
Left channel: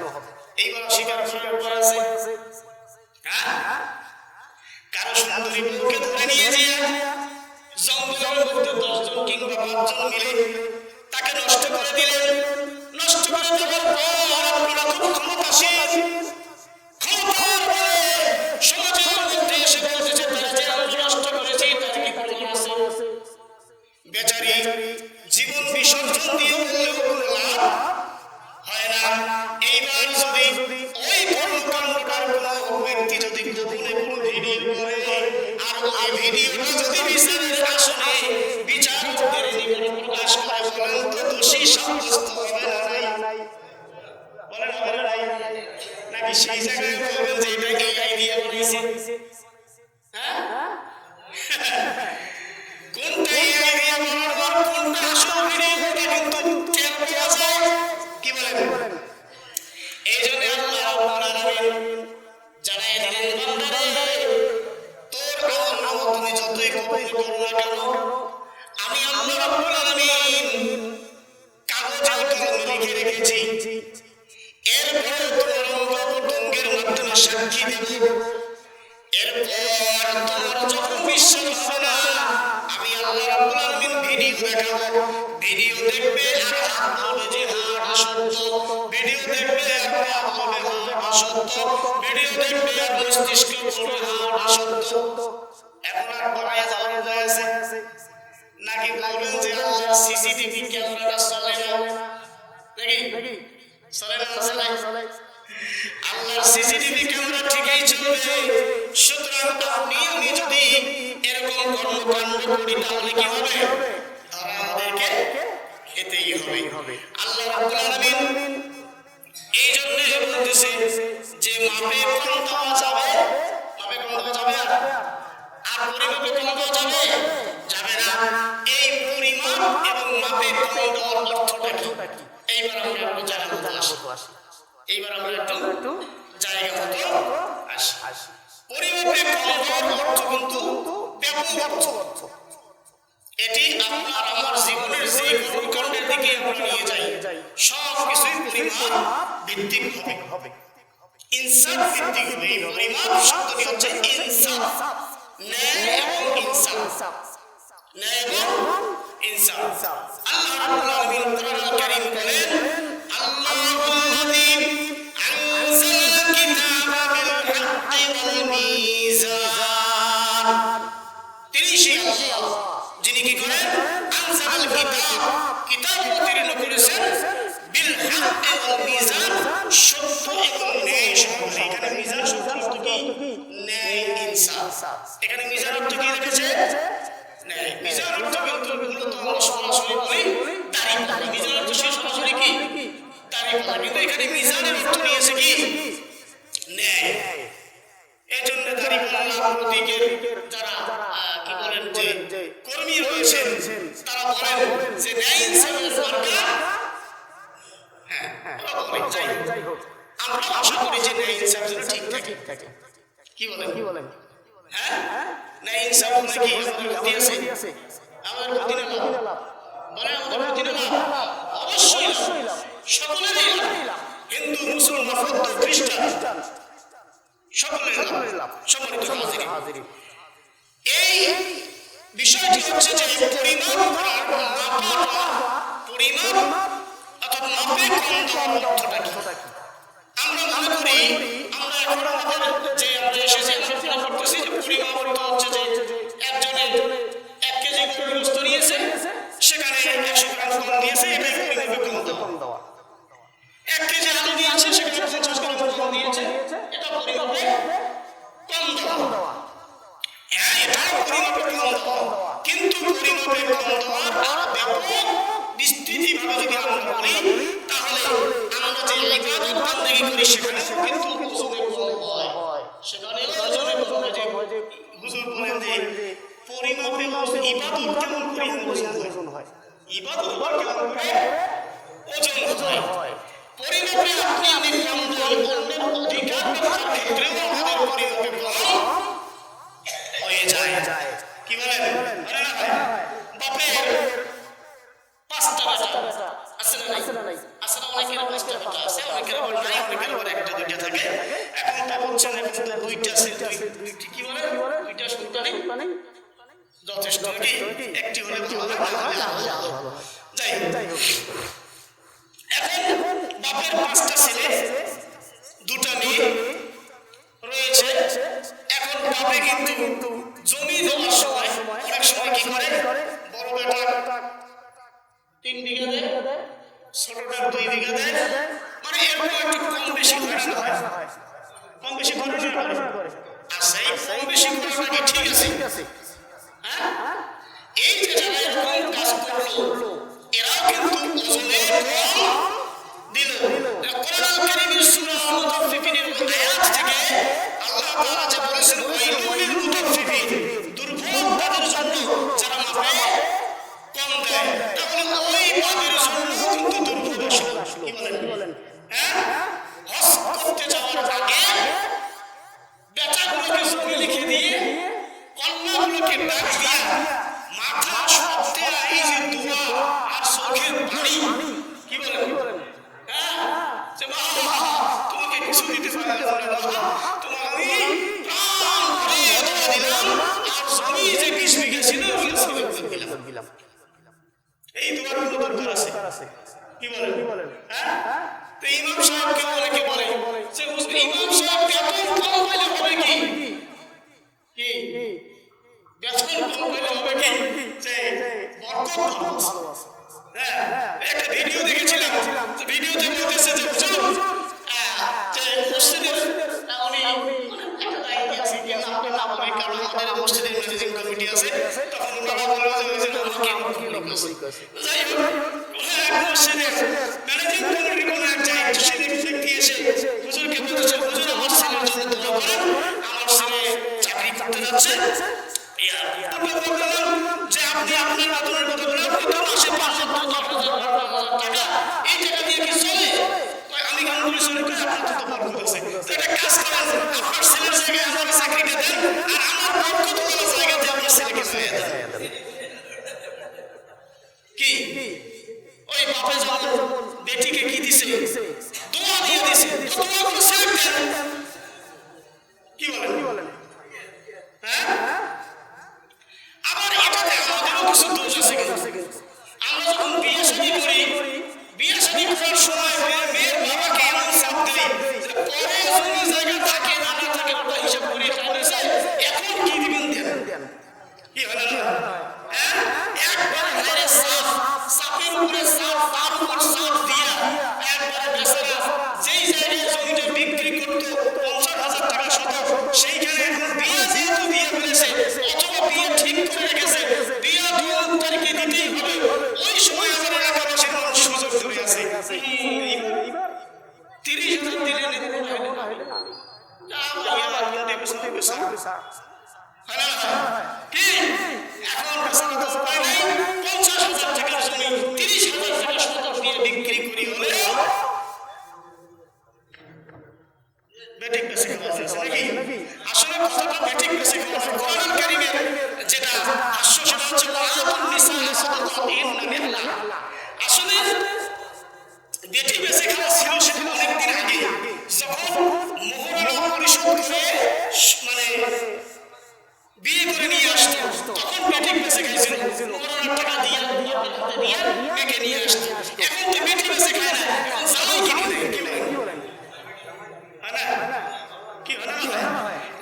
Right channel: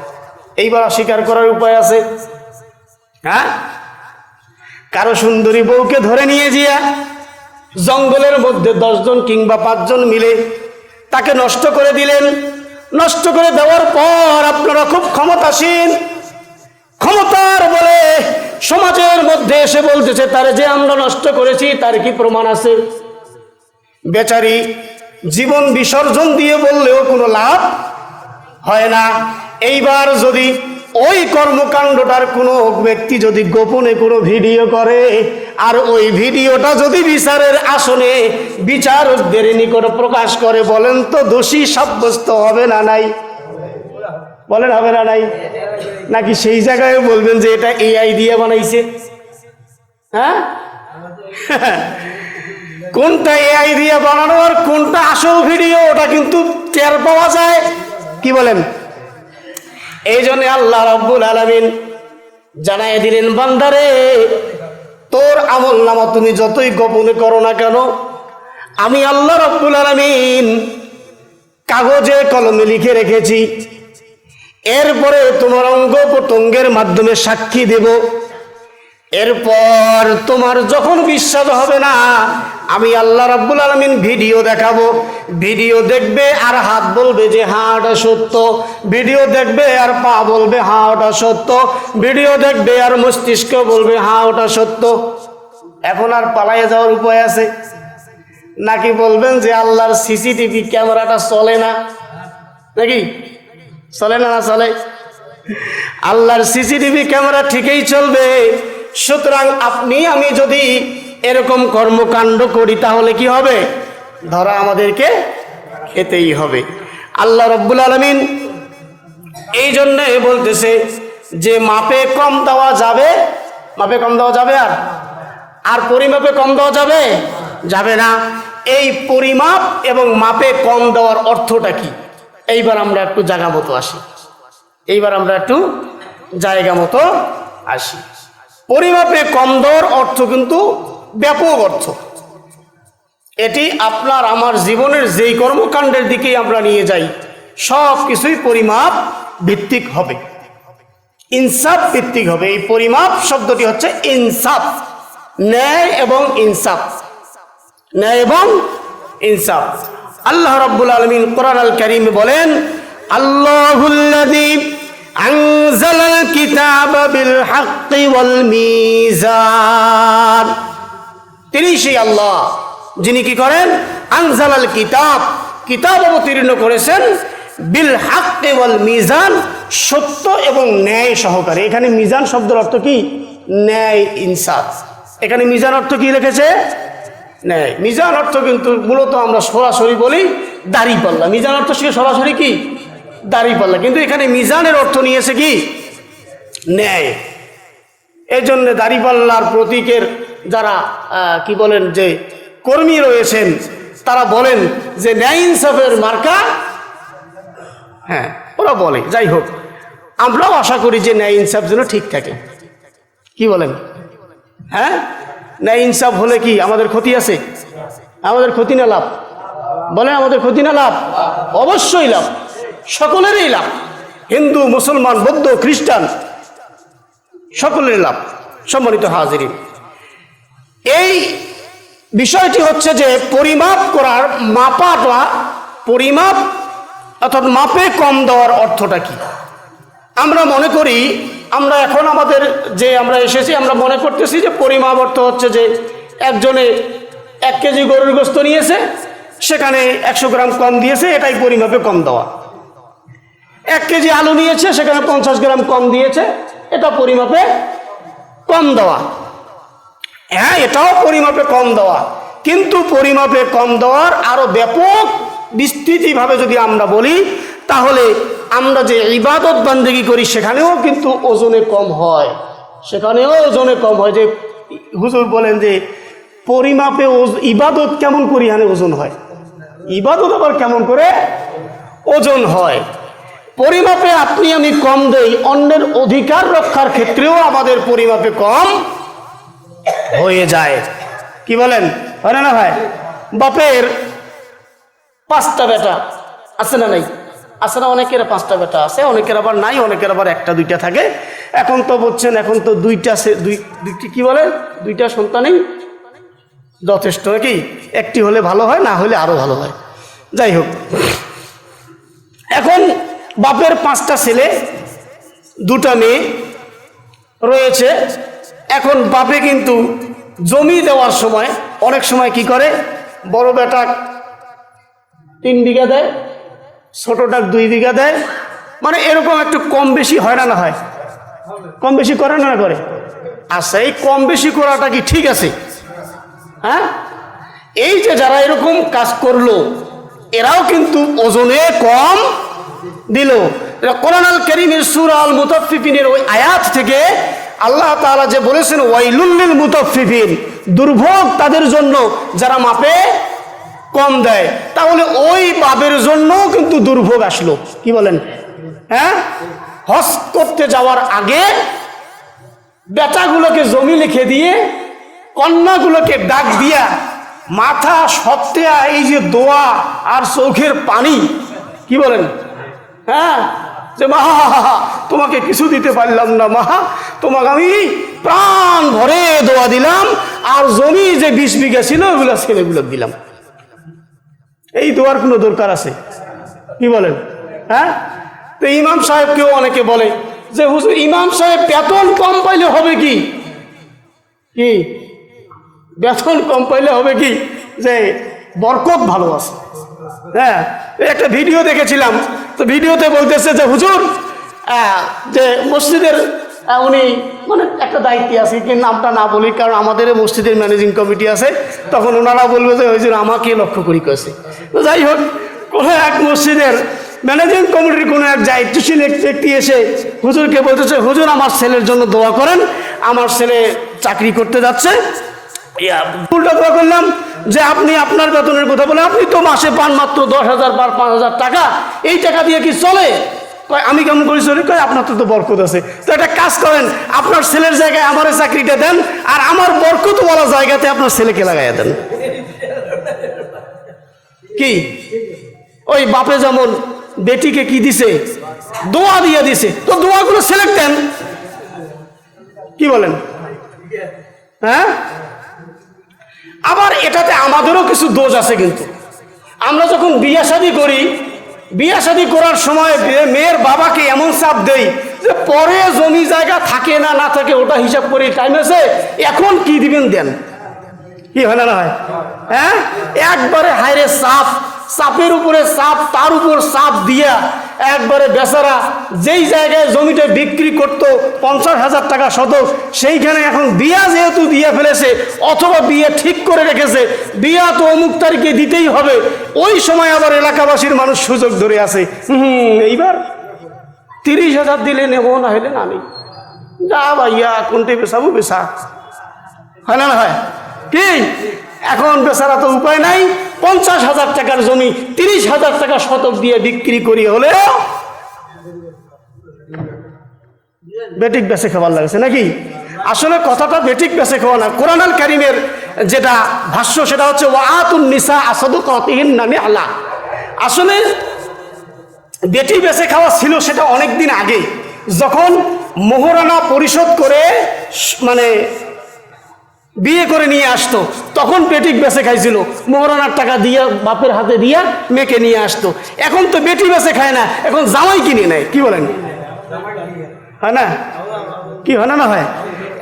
এইবার অস্বীকার করার উপায় আছে? হ্যাঁ, কারো সুন্দরী বউকে ধরে নিয়ে গিয়া জঙ্গলের মধ্যে 10 জন কিংবা 5 জন মিলে তাকে নষ্ট করে দিলেন। নষ্ট করে দেওয়ার পর আপনারা খুব ক্ষমতাসীন, ক্ষমতার বলে সমাজের মধ্যে এসে বলতেছে, তারে যে আমরা নষ্ট করেছি তার কি প্রমাণ আছে? বেচারি জীবন বিসর্জন দিয়ে বললেও কোনো লাভ হয় না। এইবার যদি ওই কর্মকাণ্ডটার কোনো ব্যক্তি যদি গোপনে কোনো ভিডিও করে, আর ওই ভিডিওটা যদি বিচারের আসনে বিচারকদের নিকট প্রকাশ করে, বলেন তো দোষী সাব্যস্ত হবে না নাই? বলেন হবে না নাই? নাকি সেই জায়গায় বলবেন যে এটা এআই দিয়ে বানাইছে? হ্যাঁ, কোনটা এআই দিয়ে বানানো আর কোনটা আসল ভিডিও, ওটা কিন্তু টের পাওয়া যায়। কি বলেন? এই জন্য আল্লাহ রাব্বুল আলামিন জানাই দিলেন, বান্দারে তোর আমল নামা তুমি যতই গোপনে করো না কেন, আমি আল্লাহ রাব্বুল আলামিন কাগজে কলমে লিখে রেখেছি। এরপরে তোমার অঙ্গ প্রত্যঙ্গের মাধ্যমে সাক্ষী দেব। এরপর তোমার যখন বিশ্বাস হবে না, আমি আল্লাহ রাব্বুল আলামিন ভিডিও দেখাবো। ভিডিও দেখবে আর হাত বলবে যে হ্যাঁ ওটা সত্য, ভিডিও দেখবে আর পা বলবে হ্যাঁ ওটা সত্য, ভিডিও দেখবে আর মস্তিষ্ক বলবে হ্যাঁ ওটা সত্য। এখন আর পালাইয়ে যাওয়ার উপায় আছে নাকি? বলবেন যে আল্লাহর সিসিটিভি ক্যামেরাটা চলে না, নাকি চলে না? না চলে। আল্লাহর সিসিটিভি ক্যামেরা ঠিকই চলবে। সুতরাং আপনি আমি যদি এরকম কর্মকাণ্ড করি তাহলে কি হবে? ধরা আমাদেরকে খেতেই হবে। আল্লাহ রাব্বুল আলামিন এই জন্যে বলতেছে যে মাপে কম দেওয়া যাবে, মাপে কম দেওয়া যাবে, আর পরিমাপে কম দেওয়া যাবে যাবে না। এই পরিমাপ এবং মাপে কম দেওয়ার অর্থটা কি? এইবার আমরা একটু জায়গা মতো আসি। পরিমাপে কম দেওয়ার অর্থ কিন্তু ব্যাপক অর্থ। এটি আপনার আমার জীবনের যেই কর্মকাণ্ডের দিকেই আমরা নিয়ে যাই সব কিছুই পরিমাপ ভিত্তিক হবে, ইনসাফ ভিত্তিক হবে। এই পরিমাপ শব্দটি হচ্ছে ইনসাফ, ন্যায় এবং ইনসাফ, ন্যায় এবং ইনসাফ। আল্লাহ রাব্বুল আলামিন কোরআন আল কারীমে বলেন, আল্লাহুল্লাযী আনজালাল কিতাবা বিল হাক্কি ওয়াল মিজান। তিনি সেই আল্লাহ যিনি কি করেন? আনজালাল কিতাব, কিতাব অবতীর্ণ করেছেন, বিল হাক্কি ওয়াল মিজান, সত্য এবং ন্যায় সহকারে। এখানে মিজান শব্দের অর্থ কি? ন্যায়, ইনসাফ। এখানে মিজান অর্থ কি লিখেছে? ন্যায়। মিজান অর্থ কিন্তু মূলত আমরা সরাসরি বলি দাড়িপাল্লা। মিজান অর্থ সে সরাসরি কি? দাড়িপাল্লা। কিন্তু এখানে মিজানের অর্থ নিয়েছে কি? ন্যায়। এই জন্য দাড়িপাল্লার প্রতীকের যারা কি বলেন যে কর্মী রয়েছেন তারা বলেন যে ন্যায় ইনসাফের মার্কা, হ্যাঁ ওরা বলে। যাই হোক, আমরাও আশা করি যে ন্যায় ইনসাফ যেন ঠিক থাকে। কি বলেন? হ্যাঁ, ন্যায় ইনসাফ হলে কি আমাদের ক্ষতি আছে? আমাদের ক্ষতি না লাভ? বলেন আমাদের ক্ষতি না লাভ? অবশ্যই লাভ, সকলেরই লাভ। হিন্দু, মুসলমান, বৌদ্ধ, খ্রিস্টান সকলের লাভ। সম্মানিত হাজিরিন, এই বিষয়টি হচ্ছে যে পরিমাপ করার, মাপাটা, পরিমাপ অর্থাৎ মাপে কম দেওয়ার অর্থটা কি? আমরা মনে করি, আমরা এখন আমাদের যে আমরা এসেছি আমরা মনে করতেছি যে পরিমাপ অর্থ হচ্ছে যে একজনে 1 কেজি গরুর গোস্ত নিয়েছে, সেখানে 100 গ্রাম কম দিয়েছে, এটাই পরিমাপে কম দেওয়া। 1 কেজি আলু নিয়েছে, সেখানে 50 গ্রাম কম দিয়েছে, এটা পরিমাপে কম দেওয়া। হ্যাঁ, এটাও পরিমাপে কম দেওয়া। কিন্তু পরিমাপে কম দেওয়ার আরো ব্যাপক বিস্তৃতিভাবে যদি আমরা বলি তাহলে আমরা যে ইবাদত বান্দেগি করি সেখানেও কিন্তু ওজনে কম হয়, সেখানেও ওজনে কম হয়। যে হুজুর বলেন যে পরিমাপে ইবাদত কেমন করিহানে ওজন হয়, ইবাদত আবার কেমন করে ওজন হয়। পরিমাপে আপনি আমি কম দেই, অন্যের অধিকার রক্ষার ক্ষেত্রেও আমাদের পরিমাপে কম হয়ে যায়। কি বলেন? হয় না ভাই? বাপের 5টা বেটা আছে না নাই? আছে না? অনেকের 5টা বেটা আছে, অনেকের আবার নাই, অনেকের আবার 1টা 2টা থাকে। এখন তো বলছেন এখন তো 2টা কি বলে 2টা সন্তানই যথেষ্ট, কি একটি হলে ভালো হয়, না হলে আরো ভালো হয়। যাই হোক, এখন বাপের 5টা ছেলে 2টা মেয়ে রয়েছে। এখন বাপে কিন্তু জমি দেওয়ার সময় অনেক সময় কি করে, বড় বেটা 3 বিঘা দেয়, ছোটটা 2 বিঘা দেয়, মানে এরকম একটু কম বেশি হয় না? না হয়? কম বেশি করে না করে? আচ্ছা, এই কম বেশি করাটা কি ঠিক আছে? হ্যাঁ, এই যে যারা এরকম কাজ করলো এরাও কিন্তু ওজনে কম দিল। কোরআন আল কারীমের সূরা আল মুতাফফিফিনের ওই আয়াত থেকে আল্লাহ তাআলা যে বলেছেন ওয়াইলুল লিল মুতাফফিফিন, দুর্ভোগ তাদের জন্য যারা মাপে কম দেয়। তাহলে ওই বাপের জন্য কিন্তু দুর্ভোগ আসলো। কি বলেন? হ্যাঁ, হজ করতে যাওয়ার আগে বেটাগুলোকে জমি লিখে দিয়ে কন্যাগুলোকে ডাক দিয়া মাথা সপ্তাহ এই যে দোয়া আর চোখের পানি, কি বলেন, হ্যাঁ, যে মা তোমাকে কিছু দিতে পারলাম না, মা তোমাকে আমি প্রাণ ভরে দোয়া দিলাম, আর জমি যে 20 বিঘা ছিল ওগুলো ছেলেগুলো দিলাম। এই দোয়ার কোনো দরকার আছে? কি বলেন? হ্যাঁ, তো ইমাম সাহেবকেও অনেকে বলে যে হুজুর ইমাম সাহেব বেতন কম পাইলে হবে কি, কি বেতন কম পাইলে হবে কি যে বরকত ভালো আছে। হ্যাঁ, একটা ভিডিও দেখেছিলাম, তো ভিডিওতে বলতেছে যে হুজুর যে মসজিদের উনি মানে একটা দায়িত্বে আছে, কি নামটা না বলি কারণ আমাদের মসজিদের ম্যানেজিং কমিটি আছে, তখন ওনারা বলবে যে হুজুর আমাকে লক্ষ্য করি করেছে। তো যাই হোক, কোনো এক মসজিদের ম্যানেজিং কমিটির কোনো এক দায়িত্বশীল ব্যক্তি এসে হুজুরকে বলতেছে হুজুর আমার ছেলের জন্য দোয়া করেন, আমার ছেলে চাকরি করতে যাচ্ছে। উল্টা দোয়া করলাম যে আপনি আপনার বেতনের কথা বলে, আপনি তো মাসে পান মাত্র 10,000 বা 5,000 টাকা, এই টাকা দিয়ে কি চলে? কয় আমি কেমন করি চলি? কয় আপনার তো বরকত আছে, তো একটা কাজ করেন আপনার ছেলের জায়গায় আমার চাকরিটা দেন, আর আমার বরকতওয়ালা জায়গাতে আপনার ছেলেকে লাগাইয়া দেন। কি ওই বাপে যেমন বেটিকে কি দিছে, দোয়া দিয়ে দিছে, তো দোয়াগুলো সিলেক্ট দেন। কি বলেন? হ্যাঁ, আবার এটাতে আমাদেরও কিছু দোষ আছে, কিন্তু আমরা যখন বিয়ে শাদী করি, বিয়ে শাদী করার সময় মেয়ের বাবাকে এমন চাপ দেই যে পরে জমি জায়গা থাকে না না থাকে ওটা হিসাব করি, টাইম আছে এখন কি দিবেন দেন। কি হয় না হয়? হ্যাঁ, একবারে হায়রে চাপ, চাপের উপরে চাপ, তার উপর চাপ দিয়া একবারে বেচারা যেই জায়গায় জমিটা বিক্রি করত 50,000 টাকা শতক, সেইখানে এখন বিয়া যেহেতু দিয়ে ফেলেছে অথবা বিয়ে ঠিক করে রেখেছে, বিয়া তো অমুক তারিখে দিতেই হবে, ওই সময় আবার এলাকাবাসীর মানুষ সুযোগ ধরে আছে, এইবার 30,000 দিলে নেব, না হলে না নেই, যা ভাইয়া কোনটাই বেচাবো বেচা। হয় না হয়? কি এখন বেচারা তো উপায় নাই, 50,000 টাকার জমি 30,000 টাকা শতক দিয়ে বিক্রি করি হলেও বেটিক বেচে খাবার লাগছে নাকি? আসলে কথাটা বেটিক বেচে খাওয়া না, কোরআন আল কারীমের যেটা ভাষ্য সেটা হচ্ছে ওয়াতুন নিসা সাদকাতিহিন্না নিহলা। আসলে বেটি বেচে খাওয়া ছিল সেটা অনেক দিন আগে, যখন মোহরানা পরিশোধ করে মানে বিয়ে করে নিয়ে আসতো তখন বেটিক বেচে খাইছিল, মোহরানার টাকা দিয়ে বাপের হাতে দিয়া মেয়েকে নিয়ে আসতো। এখন তো বেটি বেচে খায় না, এখন জামাই কিনে নেয়। কি বলেন? হয় না? কি হয় না না হয়?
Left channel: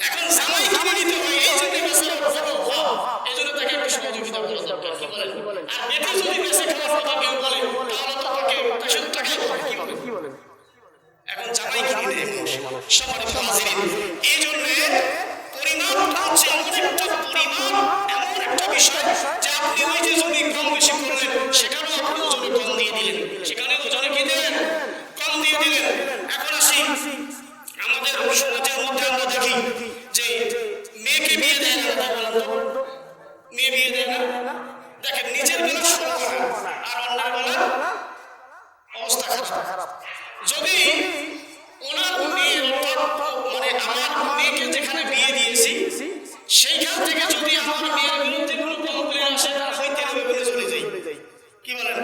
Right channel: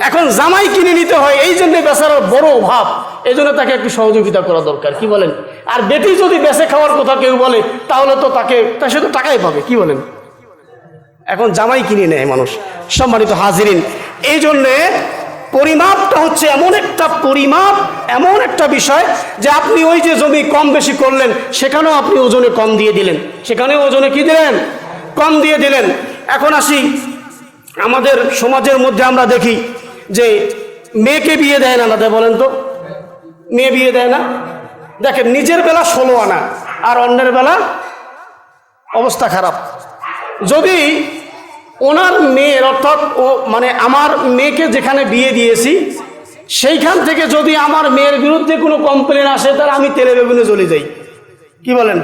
এখন জামাই কিনে নিতে হয়, এই জন্য বেচারার বড় অভাব, এই জন্য তাকে একটু সহযোগিতা করা দরকার। কি বলেন? আর বেটি যদি বেচে খাওয়ার কথা কেউ বলে তাহলে তো তার সাথে টাকাই পাবে। কি বলেন? এখন জামাই কিনে নেয় মানুষ। সম্মানিত হাজিরিন, এই জন্যে পরিমাপটা হচ্ছে এমন একটা পরিমাপ, এমন একটা বিষয় যে আপনি ওই যে জমি কম বেশি করলেন সেখানেও আপনি ওজনে কম দিয়ে দিলেন, সেখানেও ওজনে কি দিলেন? কম দিয়ে দিলেন। এখন আসি আমাদের সমাজের মধ্যে আমরা দেখি যে মেয়েকে বিয়ে দেয় না, দাদা বলেন তো, মেয়ে বিয়ে দেয় না। দেখেন নিজের বেলা 16 আনা আর অন্যের বেলা অবস্থা খারাপ। যদি ওনার মেয়ের অর্থাৎ মানে আমার মেয়েকে যেখানে বিয়ে দিয়েছি সেইখান থেকে যদি আমার মেয়ের বিরুদ্ধে কোনো কমপ্লেন আসে তাহলে আমি তেলে বেগুনে জ্বলে যাই। কি বলেন?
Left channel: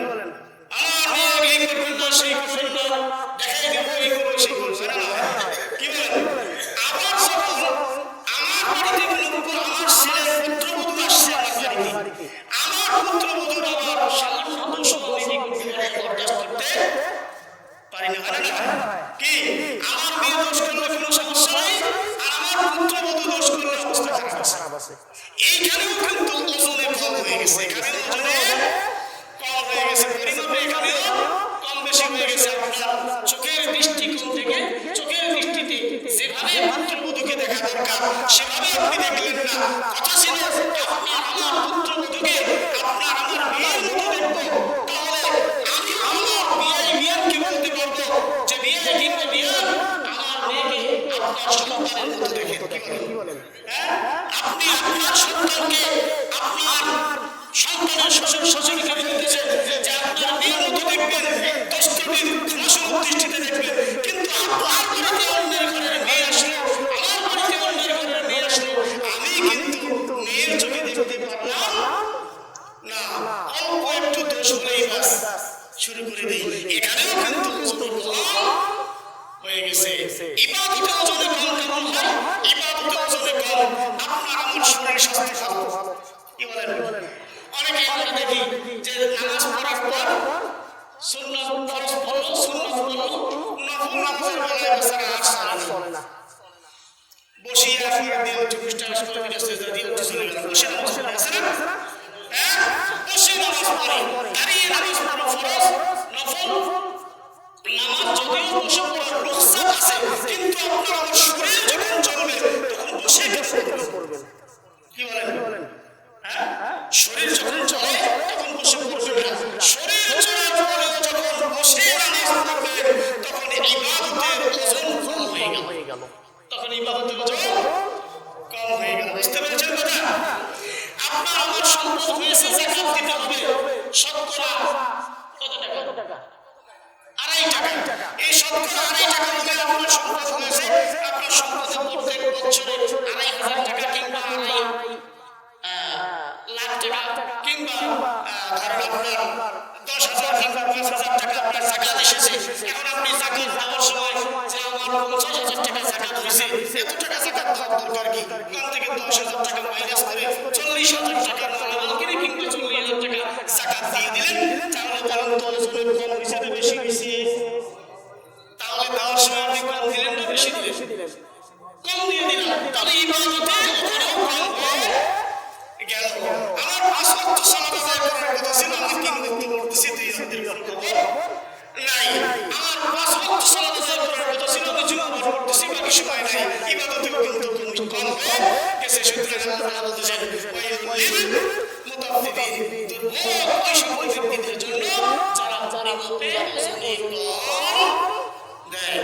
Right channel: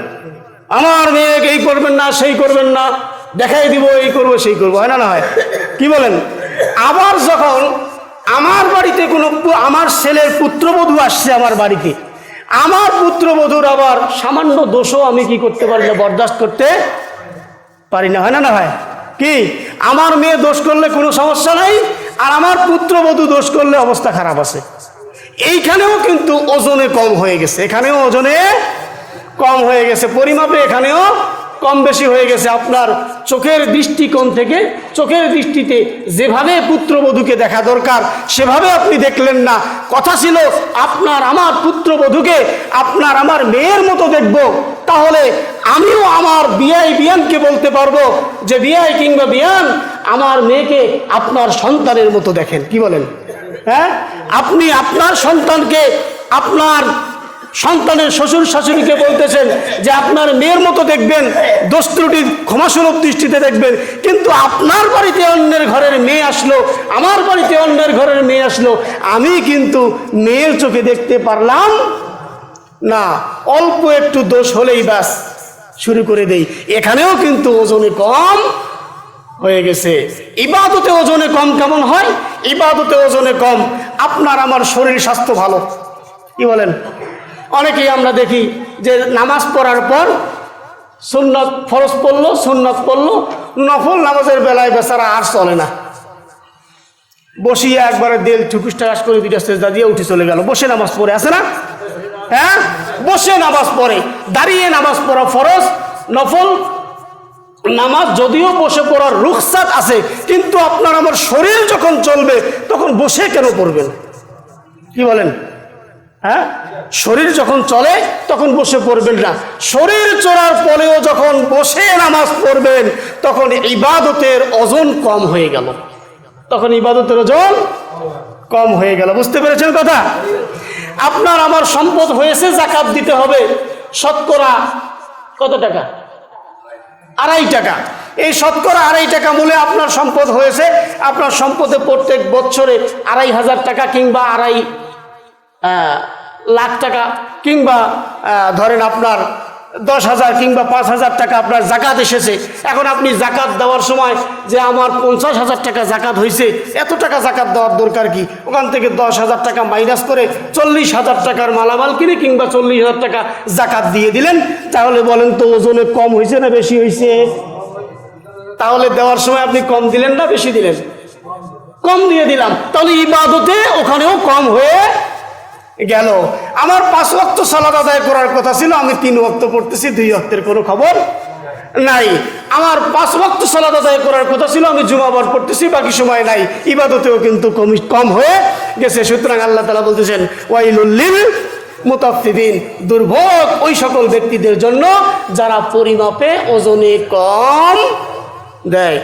আমার মেয়েকে এই করবেন না সেই করবেন না, দেখাই দিব এই করবো সেই করবো, হয় না না হয়? কি বলেন? আবার যখন আমার বাড়িতে কোনো আমার ছেলের পুত্রবধূ আসছে আমার বাড়িতে, আমার পুত্রবধূর আবার সামান্য দোষও আমি কি করতে পারি না, বরদাস্ত করতে পারি না। হয় না না হয়? কি আমার মেয়ে দোষ করলে কোনো সমস্যা নাই, আর আমার পুত্রবধূ দোষ করলে অবস্থা খারাপ আছে। এইখানেও কিন্তু ওজনে কম হয়ে গেছে, এখানেও ওজনে কম হয়ে গেছে, পরিমাপে এখানেও কম বেশি হয়ে গেছে। আপনার চোখের দৃষ্টিকোণ থেকে, চোখের দৃষ্টিতে যেভাবে পুত্রবধূকে দেখা দরকার সেভাবে আপনি দেখলেন না। কথা ছিল আপনার আমার পুত্রবধূকে আপনার আমার মেয়ের মতো দেখব, তাহলে আমিও আমার বিয়ানকে বলতে পারবো যে বিয়াই কিংবা বিয়ান আমার মেয়েকে আপনার সন্তানের মতো দেখেন। কি বলেন? হ্যাঁ, আপনি আপনার সন্তানকে আপনার সন্তানের শ্বশুর শাশুড়িকে বলতেছেন যে আপনার মেয়ের মতো দেখবেন, দোষ ত্রুটি ক্ষমাসুলভ দৃষ্টিতে দেখবেন, কিন্তু আপনার বাড়িতে অন্যের ঘরের মেয়ে আসলো, আমার বাড়িতে অন্যের ঘরের মেয়ে আসলো, আমি কিন্তু মেয়ের চোখে দেখতে পারলাম না, অল্প একটু দোষ হলেই ব্যাস শুরু করে দেই। এখানেও কিন্তু ওজনে কম হয়ে গেছে। ইবাদতে ওজনে কম কেমন হয়? ইবাদতে ওজনে কম, আপনার আমার শরীর স্বাস্থ্য ভালো, কি বলেন? অনেকেই আমরা দেখি যে নামাজ পড়ার পর সুন্নত, ফরজ পড়লো, সুন্নত পড়লো, নফল নামাজের বেলায় বেচারা আর চলে না, বসিয়ে একবারে দেল ঠুকুস টাকাস করে দুইটা সেজদা দিয়ে উঠে চলে গেল, বসে নামাজ পড়ে আছে না? হ্যাঁ, বসে নামাজ পড়ে। দাঁড়িয়ে নামাজ পড়া ফরজ, নফল নামাজ যদিও বসে পড়ার রুখসাত আছে, কিন্তু আপনার আমার শরীর যখন চলবে তখন বসে কেন পড়বেন? কি বলেন? হ্যাঁ, শরীর যখন চলে তখন বসে পড়বেন না। শরীর চলার পরেও যখন বসে নামাজ পড়বেন তখন ইবাদতের ওজন কম হয়ে গেল, তখন ইবাদতের ওজন কম হয়ে গেল। বুঝতে পেরেছেন কথা? আপনার আমার সম্পদ হয়েছে, যাকাত দিতে হবে, শতকরা কত টাকা? 2.5 টাকা। এই শতকরা 2.5 টাকা মূল্যে আপনার সম্পদ হয়েছে। আপনার সম্পদে প্রত্যেক বছরে 2,500 টাকা কিংবা 2.5 লাখ টাকা কিংবা ধরেন আপনার 10,000 কিংবা 5,000 টাকা আপনার জাকাত এসেছে। এখন আপনি জাকাত দেওয়ার সময় যে আমার 50,000 টাকা জাকাত হয়েছে, এত টাকা জাকাত দেওয়ার দরকার কি? ওখান থেকে 10,000 টাকা মাইনাস করে 40,000 টাকার মালামাল কিনে কিংবা 40,000 টাকা জাকাত দিয়ে দিলেন। তাহলে বলেন তো ওজনে কম হয়েছে না বেশি হয়েছে? তাহলে দেওয়ার সময় আপনি কম দিলেন না বেশি দিলেন? কম দিয়ে দিলাম। তাহলে ইবাদতে ওখানেও কম হয়ে গেল। আমার 5 ওয়াক্ত সালাত আদায় করার কথা ছিল, আমি 3 ওয়াক্ত পড়তেছি, 2 ওয়াক্তের কোনো খবর নাই। আমার 5 ওয়াক্ত সালাত আদায় করার কথা ছিল, আমি জুমাবার পড়তেছি, বাকি সময় নাই। ইবাদতেও কিন্তু কম হয়ে গেছে। সুতরাং আল্লাহ তাআলা বলতেছেন ওয়াইলুল লিল মুতাফফিফিন, দুর্ভোগ ওই সকল ব্যক্তিদের জন্য যারা পরিমাপে ওজনে কম দেয়।